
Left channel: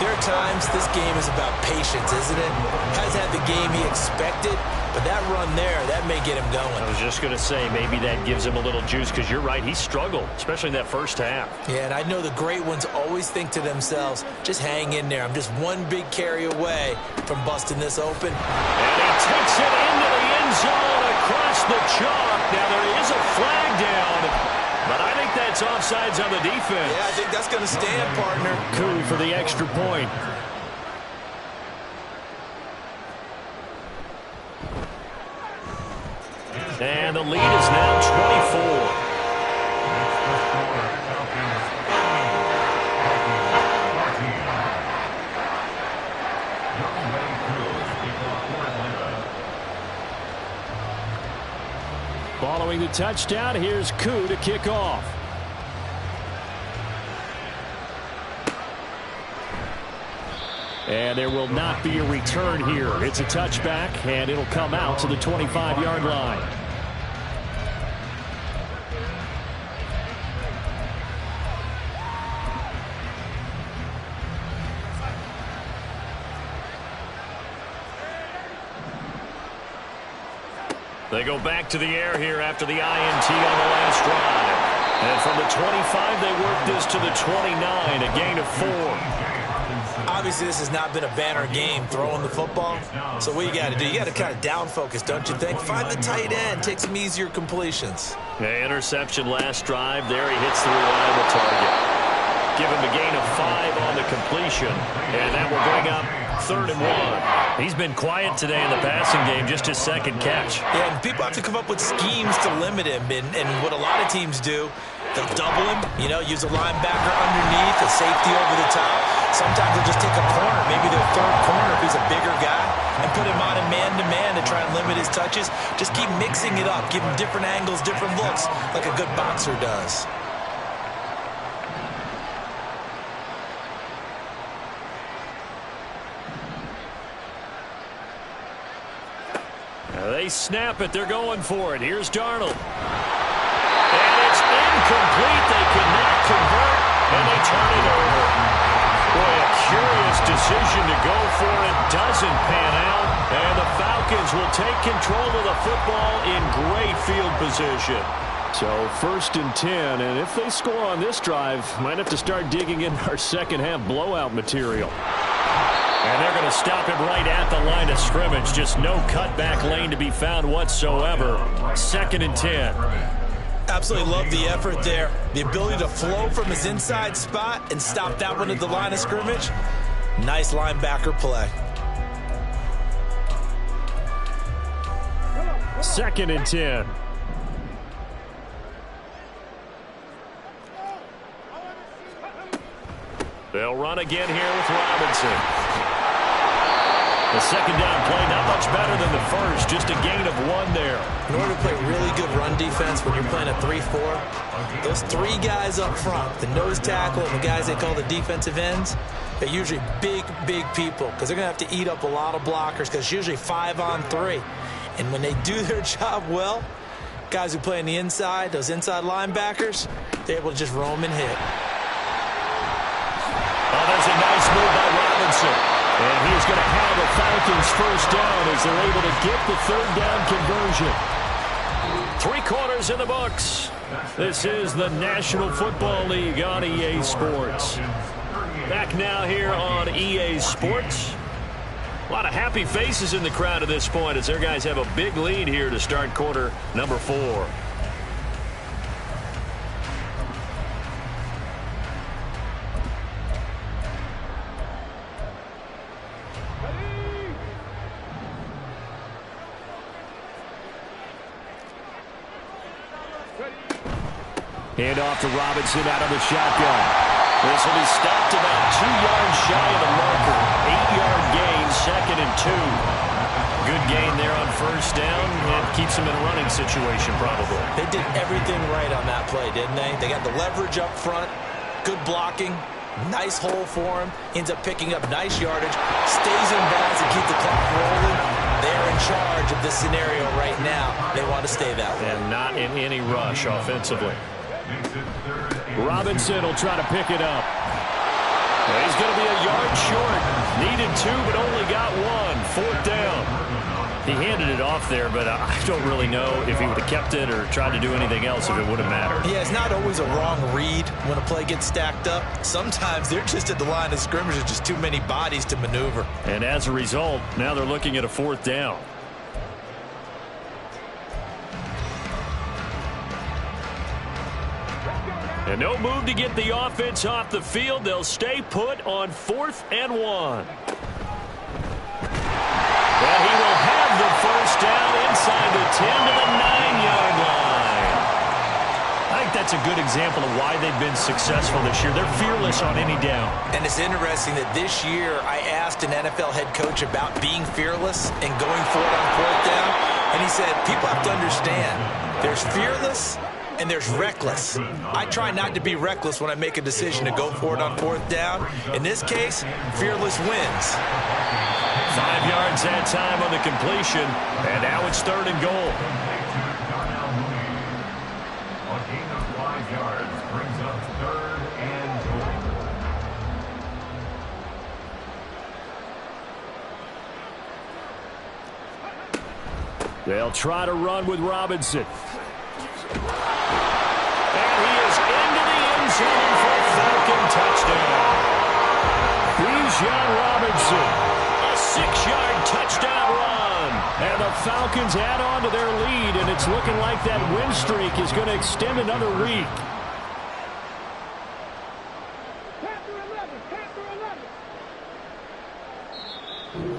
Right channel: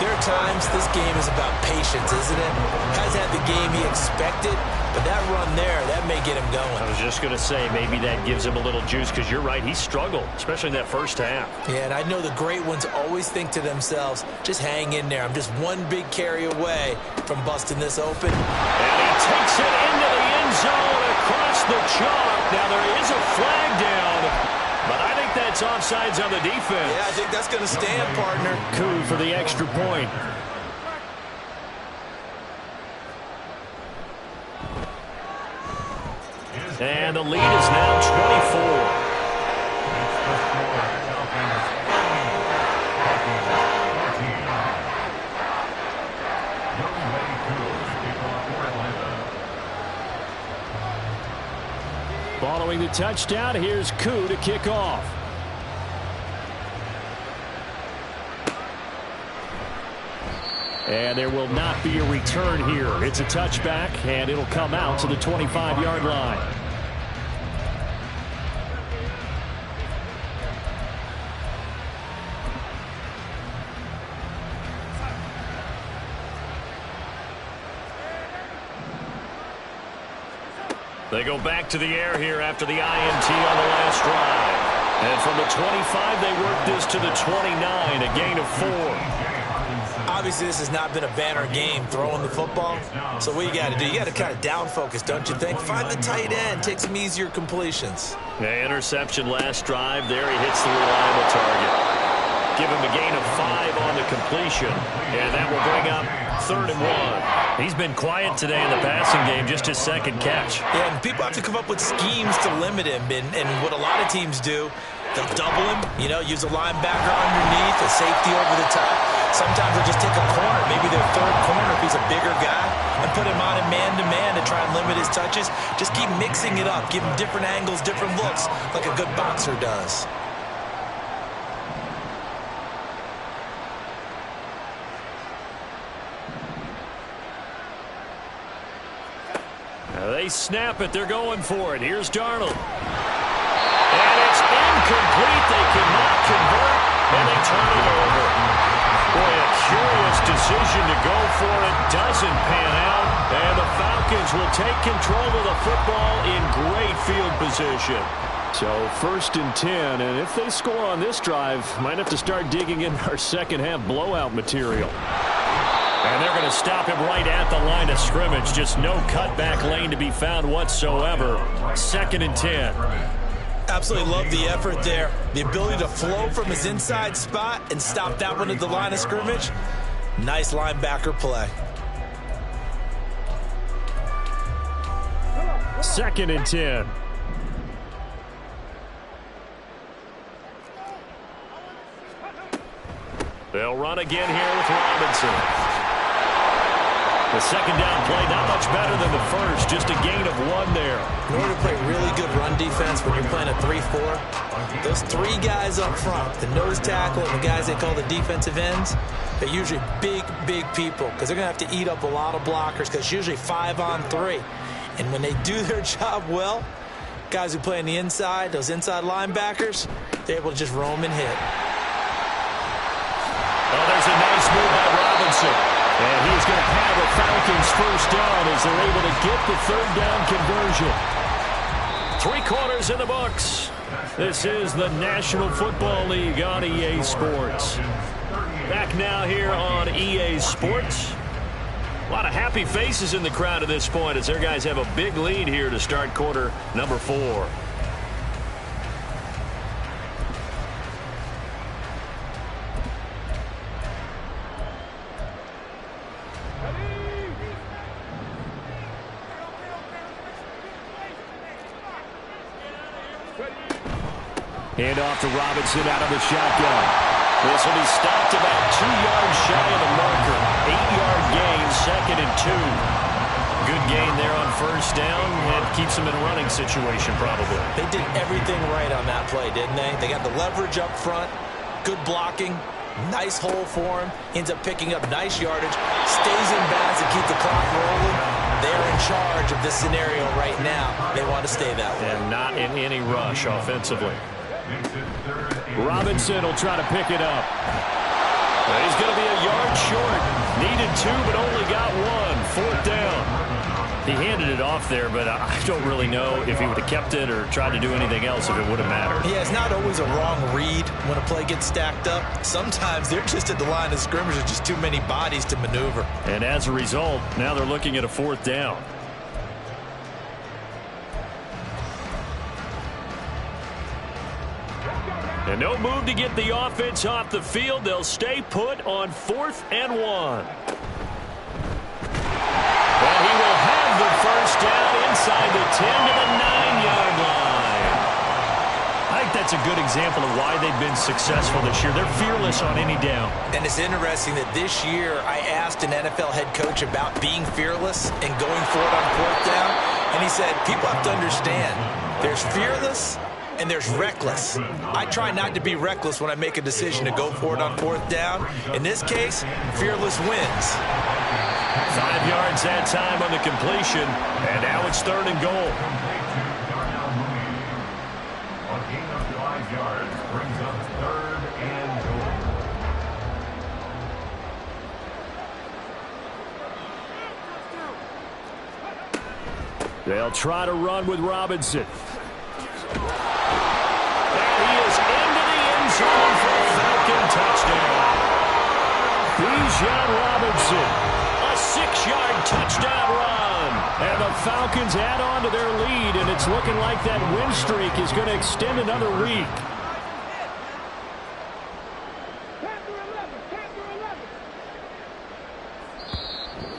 their sometimes this game is about patience, isn't it? Hasn't had the game he expected, but that run there, that may get him going. I was just going to say, maybe that gives him a little juice, because you're right, he struggled, especially in that first half. Yeah, and I know the great ones always think to themselves, just hang in there. I'm just one big carry away from busting this open. And he takes it into the end zone across the chalk. Now there is a flag down, but I think that's offsides on the defense. Yeah, I think that's going to stand, partner. Koo for the extra point. And the lead is now 24. Following the touchdown, here's Koo to kick off. And there will not be a return here. It's a touchback, and it'll come out to the 25-yard line. They go back to the air here after the INT on the last drive. And from the 25, they work this to the 29, a gain of 4. Obviously, this has not been a banner game throwing the football. So what you got to do, you got to kind of down focus, don't you think? Find the tight end, take some easier completions. Yeah, interception last drive. There he hits the reliable target. Give him a gain of 5 on the completion, and that will bring up 3rd and 1. He's been quiet today in the passing game, just his second catch. Yeah, and people have to come up with schemes to limit him, and what a lot of teams do, they'll double him, use a linebacker underneath, a safety over the top. Sometimes they'll just take a corner, maybe their third corner if he's a bigger guy, and put him on in man-to-man to try and limit his touches. Just keep mixing it up, give him different angles, different looks, like a good boxer does. They snap it. They're going for it. Here's Darnold. And it's incomplete. They cannot convert, and they turn it over. Boy, a curious decision to go for it. Doesn't pan out, and the Falcons will take control of the football in great field position. So 1st and 10, and if they score on this drive, might have to start digging in our second half blowout material. And they're going to stop him right at the line of scrimmage. Just no cutback lane to be found whatsoever. 2nd and 10. Absolutely love the effort there. The ability to flow from his inside spot and stop that one at the line of scrimmage. Nice linebacker play. 2nd and 10. They'll run again here with Robinson. The second down play, not much better than the first. Just a gain of 1 there. In order to play really good run defense when you're playing a 3-4, those 3 guys up front, the nose tackle and the guys they call the defensive ends, they're usually big, big people because they're going to have to eat up a lot of blockers because it's usually 5 on 3. And when they do their job well, guys who play on the inside, those inside linebackers, they're able to just roam and hit. Oh, there's a nice move by Robinson. And he is going to have a Falcons first down as they're able to get the 3rd down conversion. 3 quarters in the books. This is the National Football League on EA Sports. Back now here on EA Sports. A lot of happy faces in the crowd at this point as their guys have a big lead here to start quarter number 4. Hand off to Robinson out of the shotgun. This will be stopped about 2 yards shy of the marker. 8-yard gain, 2nd and 2. Good gain there on first down and keeps them in a running situation probably. They did everything right on that play, didn't they? They got the leverage up front, good blocking, nice hole for him. Ends up picking up nice yardage, stays in bounds to keep the clock rolling. They're in charge of this scenario right now. They want to stay that way. And not in any rush offensively. Robinson will try to pick it up. He's going to be a yard short. Needed 2, but only got 1. 4th down. He handed it off there, but I don't really know if he would have kept it or tried to do anything else if it would have mattered. Yeah, it's not always a wrong read when a play gets stacked up. Sometimes they're just at the line of scrimmage with just too many bodies to maneuver. And as a result, now they're looking at a 4th down. And no move to get the offense off the field. They'll stay put on 4th and 1. And he will have the first down inside the 10 to the 9-yard line. I think that's a good example of why they've been successful this year. They're fearless on any down. And it's interesting that this year I asked an NFL head coach about being fearless and going for it on 4th down. And he said, people have to understand, there's fearless and there's reckless. I try not to be reckless when I make a decision to go for it on 4th down. In this case, fearless wins. 5 yards that time on the completion, and now it's 3rd and goal. Darnell Mooney. A gain of 5 yards brings up 3rd and goal. They'll try to run with Robinson. And he is into the end zone for a Falcon touchdown. Bijan Robinson. A 6-yard touchdown run. And the Falcons add on to their lead, and it's looking like that win streak is going to extend another week.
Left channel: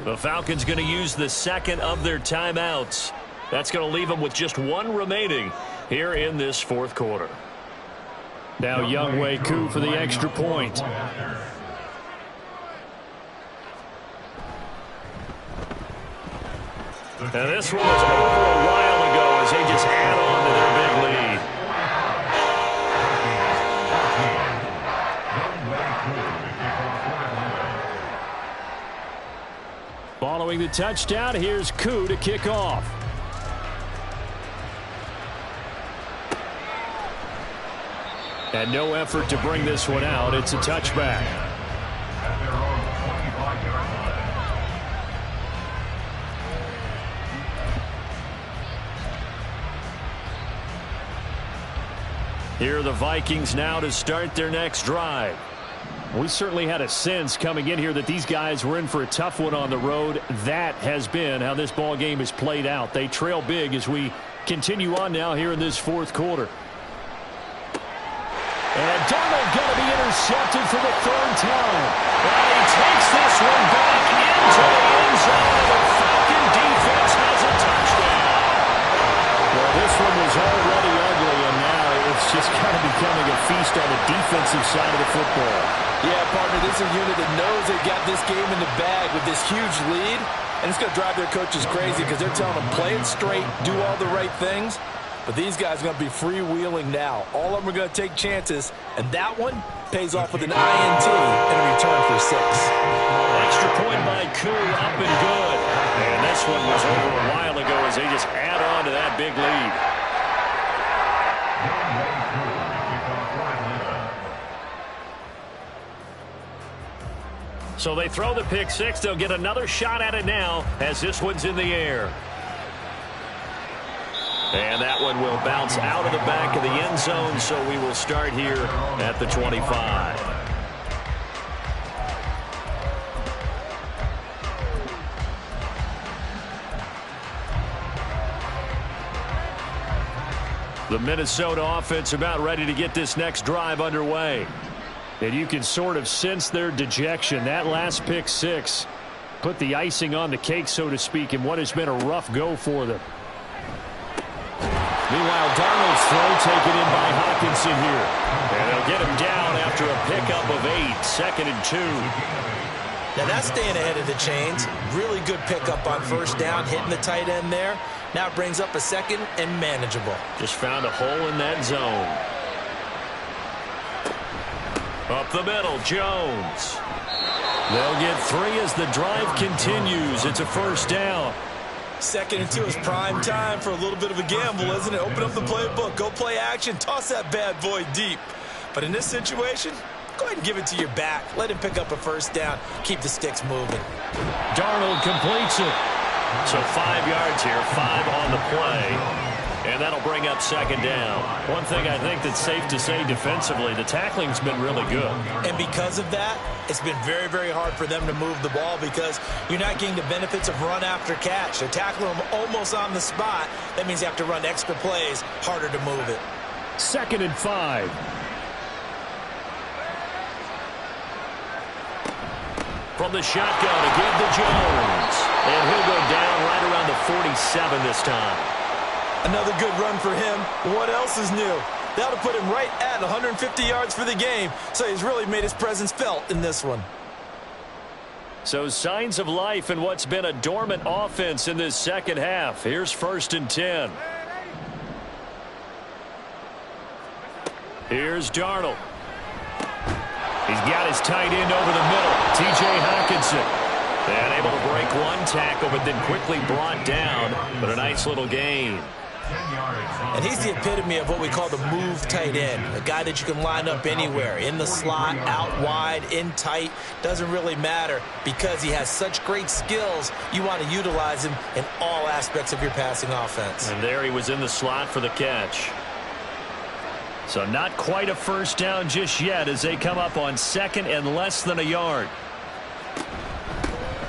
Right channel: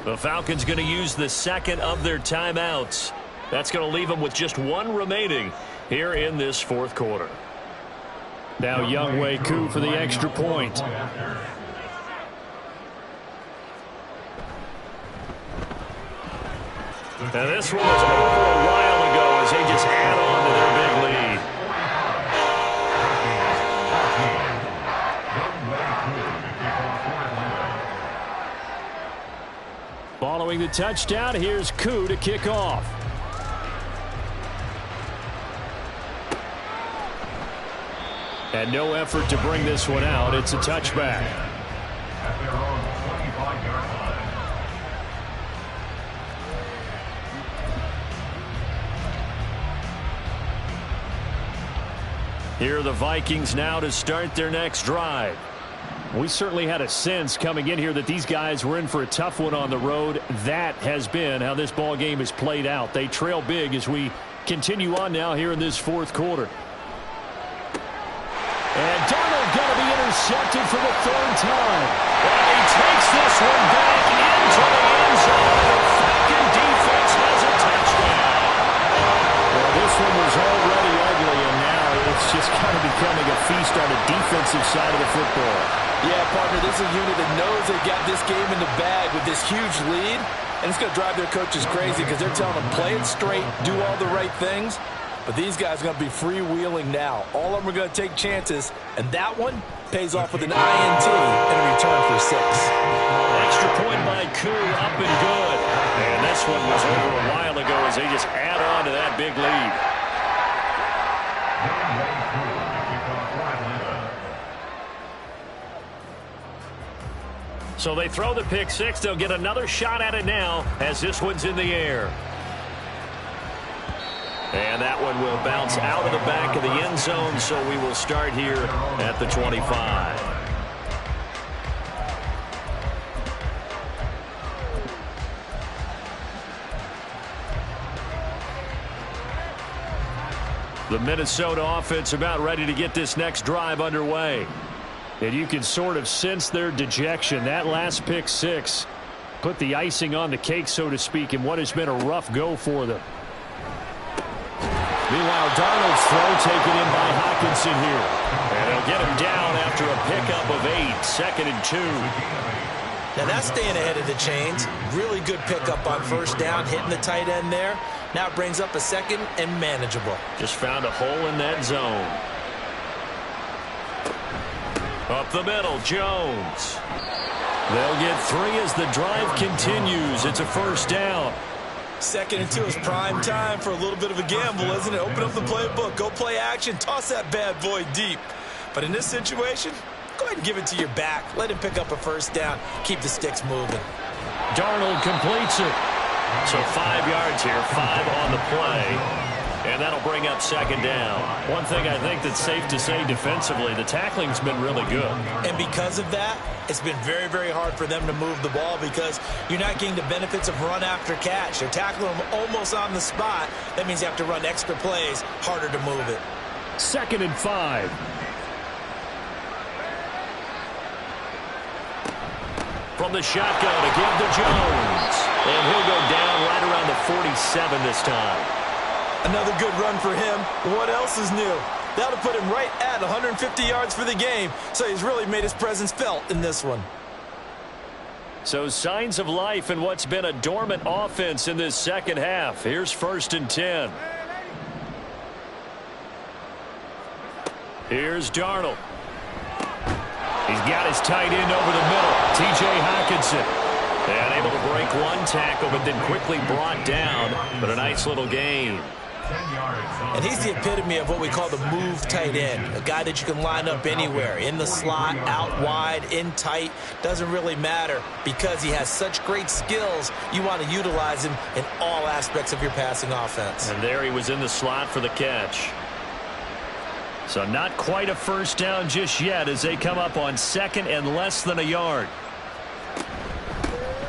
The Falcons going to use the second of their timeouts. That's going to leave them with just 1 remaining here in this 4th quarter. Now Younghoe Koo for the extra point. And this one was over a while ago as they just add on to their big lead. Following the touchdown, here's Koo to kick off. And no effort to bring this one out. It's a touchback. At their own 25-yard line. Here are the Vikings now to start their next drive. We certainly had a sense coming in here that these guys were in for a tough one on the road. That has been how this ball game is played out. They trail big as we continue on now here in this 4th quarter. And Darnold going to be intercepted for the 3rd time. And he takes this one back into the end zone. The Falcon defense has a touchdown. Well, this one was already ugly, and now it's just kind of becoming a feast on the defensive side of the football. Yeah, partner, this is a unit that knows they've got this game in the bag with this huge lead, and it's going to drive their coaches crazy because they're telling them play it straight, do all the right things. But these guys are going to be freewheeling now. All of them are going to take chances, and that one pays off with an INT and a return for 6. Extra point by Koo, up and good. And this one was over a while ago as they just add on to that big lead. So they throw the pick 6. They'll get another shot at it now as this one's in the air. And that one will bounce out of the back of the end zone, so we will start here at the 25. The Minnesota offense about ready to get this next drive underway. And you can sort of sense their dejection. That last pick 6 put the icing on the cake, so to speak, in what has been a rough go for them. Meanwhile, Darnold's throw taken in by Hockenson here. And they'll get him down after a pickup of 8, 2nd and 2. Now that's staying ahead of the chains. Really good pickup on 1st down, hitting the tight end there. Now it brings up a 2nd and manageable. Just found a hole in that zone. Up the middle, Jones. They'll get 3 as the drive continues. It's a 1st down. 2nd and 2 is prime time for a little bit of a gamble, isn't it? Open up the playbook, go play action, toss that bad boy deep. But in this situation, go ahead and give it to your back. Let him pick up a first down. Keep the sticks moving. Darnold completes it. So 5 yards here, 5 on the play. And that'll bring up second down. One thing I think that's safe to say defensively, the tackling's been really good. And because of that, it's been very, very hard for them to move the ball because you're not getting the benefits of run after catch. They're tackling them almost on the spot. That means you have to run extra plays, harder to move it. 2nd and 5. From the shotgun to give to Jones. And he'll go down right around the 47 this time. Another good run for him. What else is new? That'll put him right at 150 yards for the game. So he's really made his presence felt in this one. So signs of life in what's been a dormant offense in this second half. Here's 1st and 10. Here's Darnold. He's got his tight end over the middle, T.J. Hockenson. And able to break one tackle, but then quickly brought down. But a nice little gain. And he's the epitome of what we call the move tight end. A guy that you can line up anywhere. In the slot, out wide, in tight. Doesn't really matter because he has such great skills. You want to utilize him in all aspects of your passing offense. And there he was in the slot for the catch. So not quite a first down just yet as they come up on 2nd and less than a yard.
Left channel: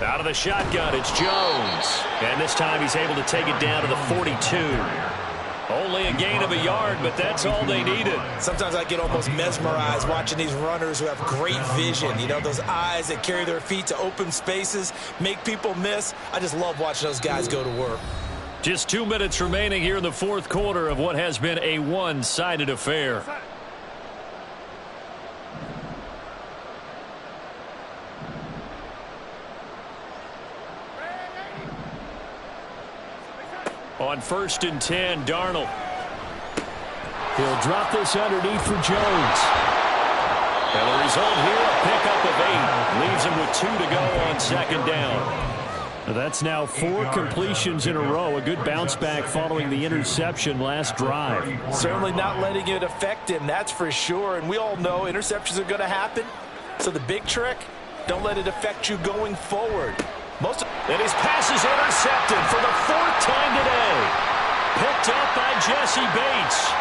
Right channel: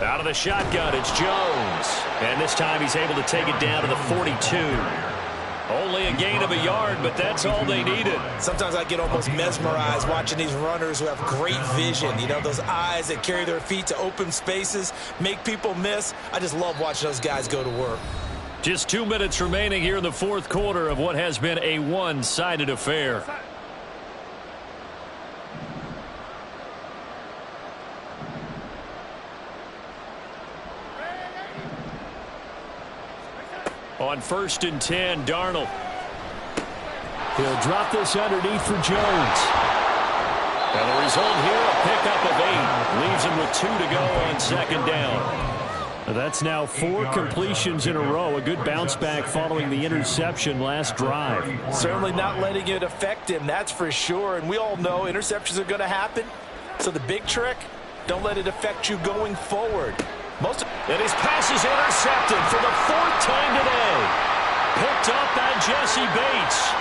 Out of the shotgun, it's Jones. And this time he's able to take it down to the 42. Only a gain of a yard, but that's all they needed. Sometimes I get almost mesmerized watching these runners who have great vision. You know, those eyes that carry their feet to open spaces, make people miss. I just love watching those guys go to work. Just 2 minutes remaining here in the 4th quarter of what has been a one-sided affair. On 1st and 10, Darnold. He'll drop this underneath for Jones. And the result here, a pickup of 8. Leaves him with 2 to go on 2nd down. That's now 4 completions in a row. A good bounce back following the interception last drive. Certainly not letting it affect him, that's for sure. And we all know interceptions are going to happen. So the big trick, don't let it affect you going forward. And his pass is intercepted for the 4th time today. Picked up by Jesse Bates.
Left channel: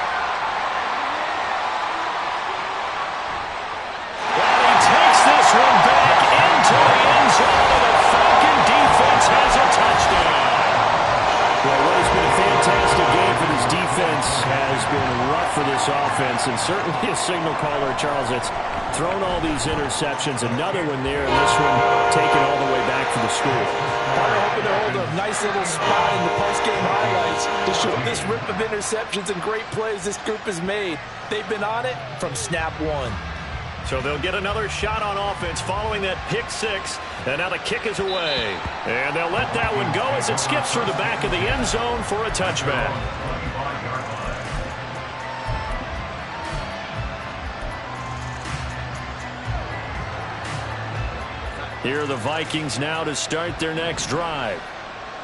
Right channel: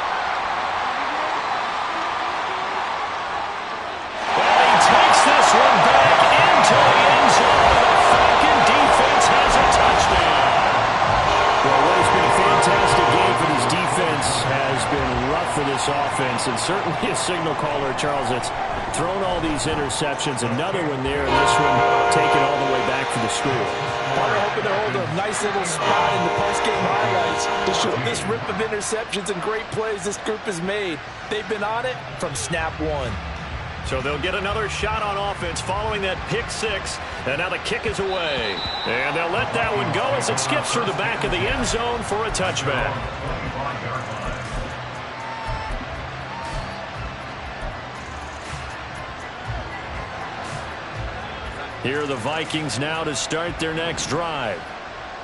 And he takes this one back into the end zone, and the Falcon defense has a touchdown. Well, what has been a fantastic game for this defense has been rough for this offense, and certainly a signal caller, Charles, that's thrown all these interceptions. Another one there, and this one taken all the way back for the score. They're hoping to hold a nice little spot in the post-game highlights to show this rip of interceptions and great plays this group has made. They've been on it from snap one. So they'll get another shot on offense following that pick 6. And now the kick is away. And they'll let that one go as it skips through the back of the end zone for a touchback. Here are the Vikings now to start their next drive.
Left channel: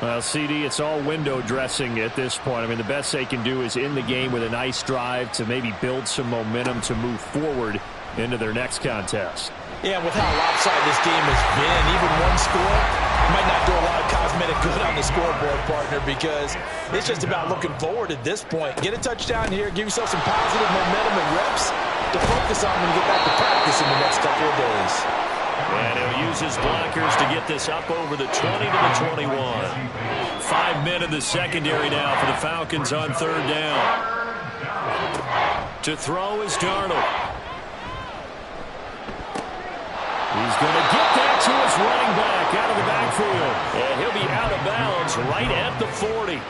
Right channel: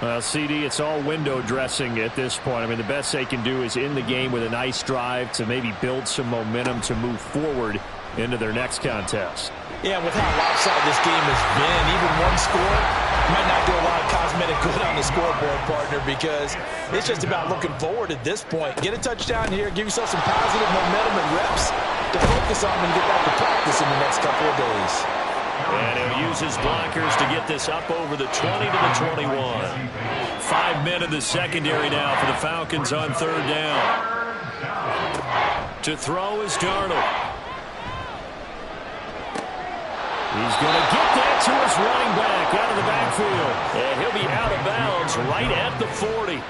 Well, CD, it's all window dressing at this point. I mean, the best they can do is in the game with a nice drive to maybe build some momentum to move forward into their next contest. Yeah, with how lopsided this game has been, even one score might not do a lot of cosmetic good on the scoreboard, partner, because it's just about looking forward at this point. Get a touchdown here, give yourself some positive momentum and reps to focus on and get back to practice in the next couple of days. And he'll use his blockers to get this up over the 20 to the 21. 5 men in the secondary now for the Falcons on 3rd down. To throw is Darnold. He's going to get that to his running back out of the backfield. And he'll be out of bounds right at the 40.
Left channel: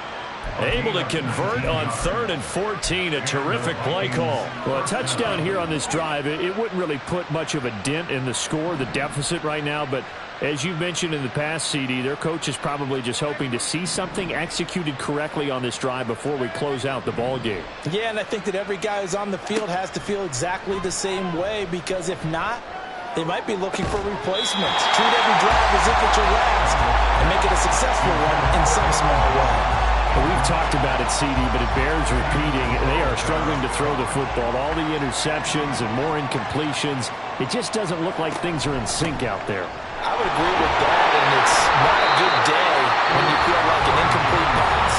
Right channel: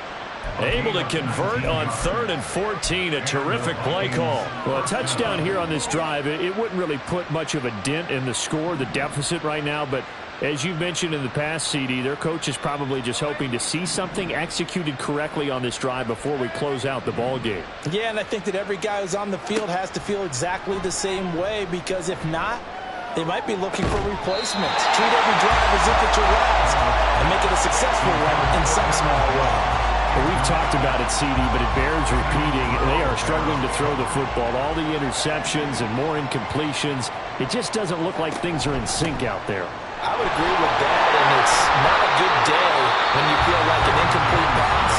Able to convert on 3rd and 14. A terrific play call. Well, a touchdown here on this drive, it wouldn't really put much of a dent in the score, the deficit right now. But as you've mentioned in the past, CD, their coach is probably just hoping to see something executed correctly on this drive before we close out the ball game. Yeah, and I think that every guy who's on the field has to feel exactly the same way, because if not, they might be looking for replacements. Treat every drive as if it's your last and make it a successful one in some small way. Well, we've talked about it, CD, but it bears repeating. They are struggling to throw the football. All the interceptions and more incompletions. it just doesn't look like things are in sync out there. I would agree with that, and it's not a good day when you feel like an incomplete pass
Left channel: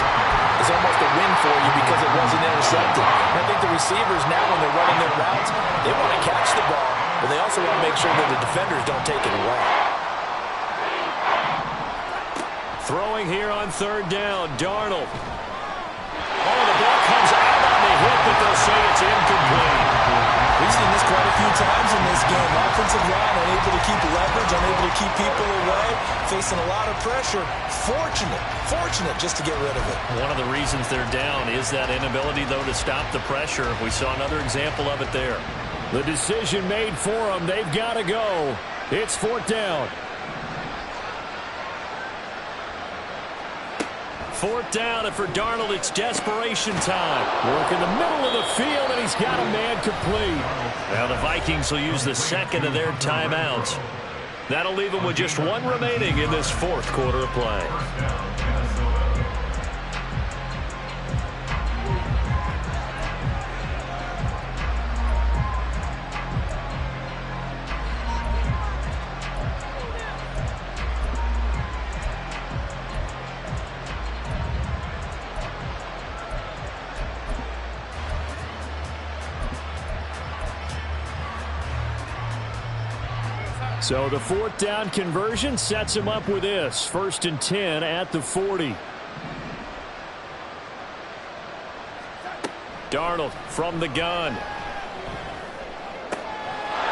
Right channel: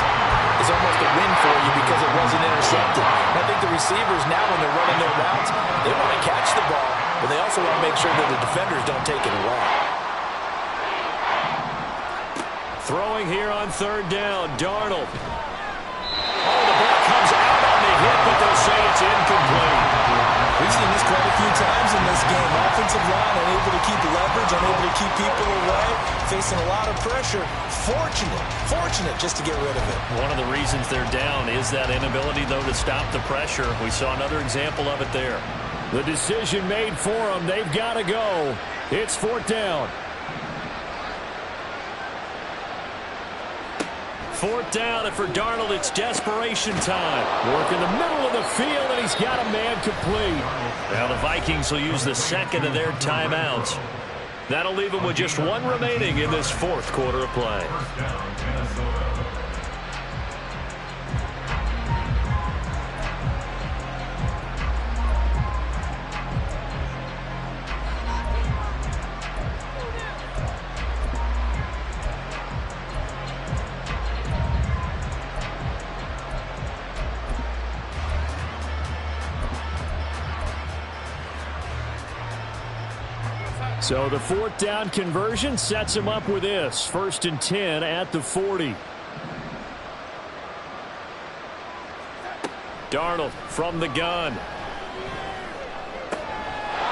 is almost a win for you because it wasn't intercepted. And I think the receivers now, when they're running their routes, they want to catch the ball, but they also want to make sure that the defenders don't take it away. Throwing here on third down, Darnold. Oh, the ball comes out on the hit, but they'll say it's incomplete. We've seen this quite a few times in this game. Offensive line unable to keep leverage, unable to keep people away, facing a lot of pressure. Fortunate just to get rid of it. One of the reasons they're down is that inability, though, to stop the pressure. We saw another example of it there. The decision made for them. They've got to go. It's fourth down. Fourth down, and for Darnold, it's desperation time. Work in the middle of the field, and he's got a man complete. Now the Vikings will use the second of their timeouts. That'll leave them with just one remaining in this fourth quarter of play. First down, Minnesota. So the fourth down conversion sets him up with this. 1st and 10 at the 40. Darnold from the gun.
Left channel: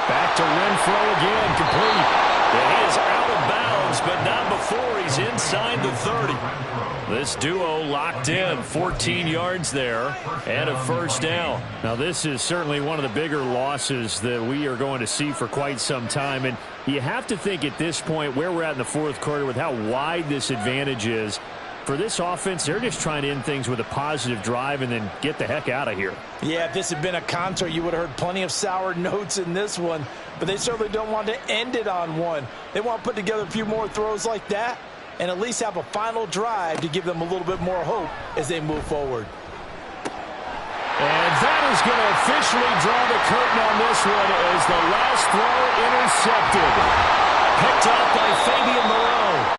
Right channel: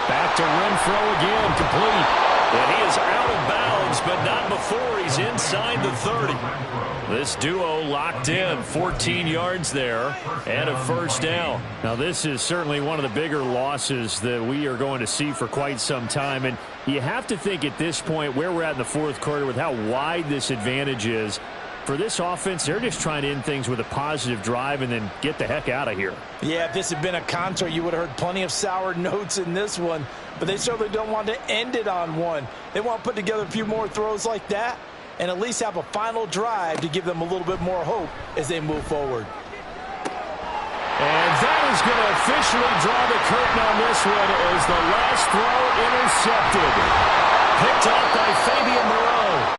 Back to Renfro again, complete. And he is out of bounds, but not before he's inside the 30. This duo locked in, 14 yards there, and a first down. Now, this is certainly one of the bigger losses that we are going to see for quite some time. And you have to think at this point where we're at in the fourth quarter with how wide this advantage is. For this offense, they're just trying to end things with a positive drive and then get the heck out of here. Yeah, if this had been a counter, you would have heard plenty of sour notes in this one. But they certainly don't want to end it on one. They want to put together a few more throws like that and at least have a final drive to give them a little bit more hope as they move forward. And that is going to officially draw the curtain on this one as the last throw intercepted. Picked off by Fabian Moreau.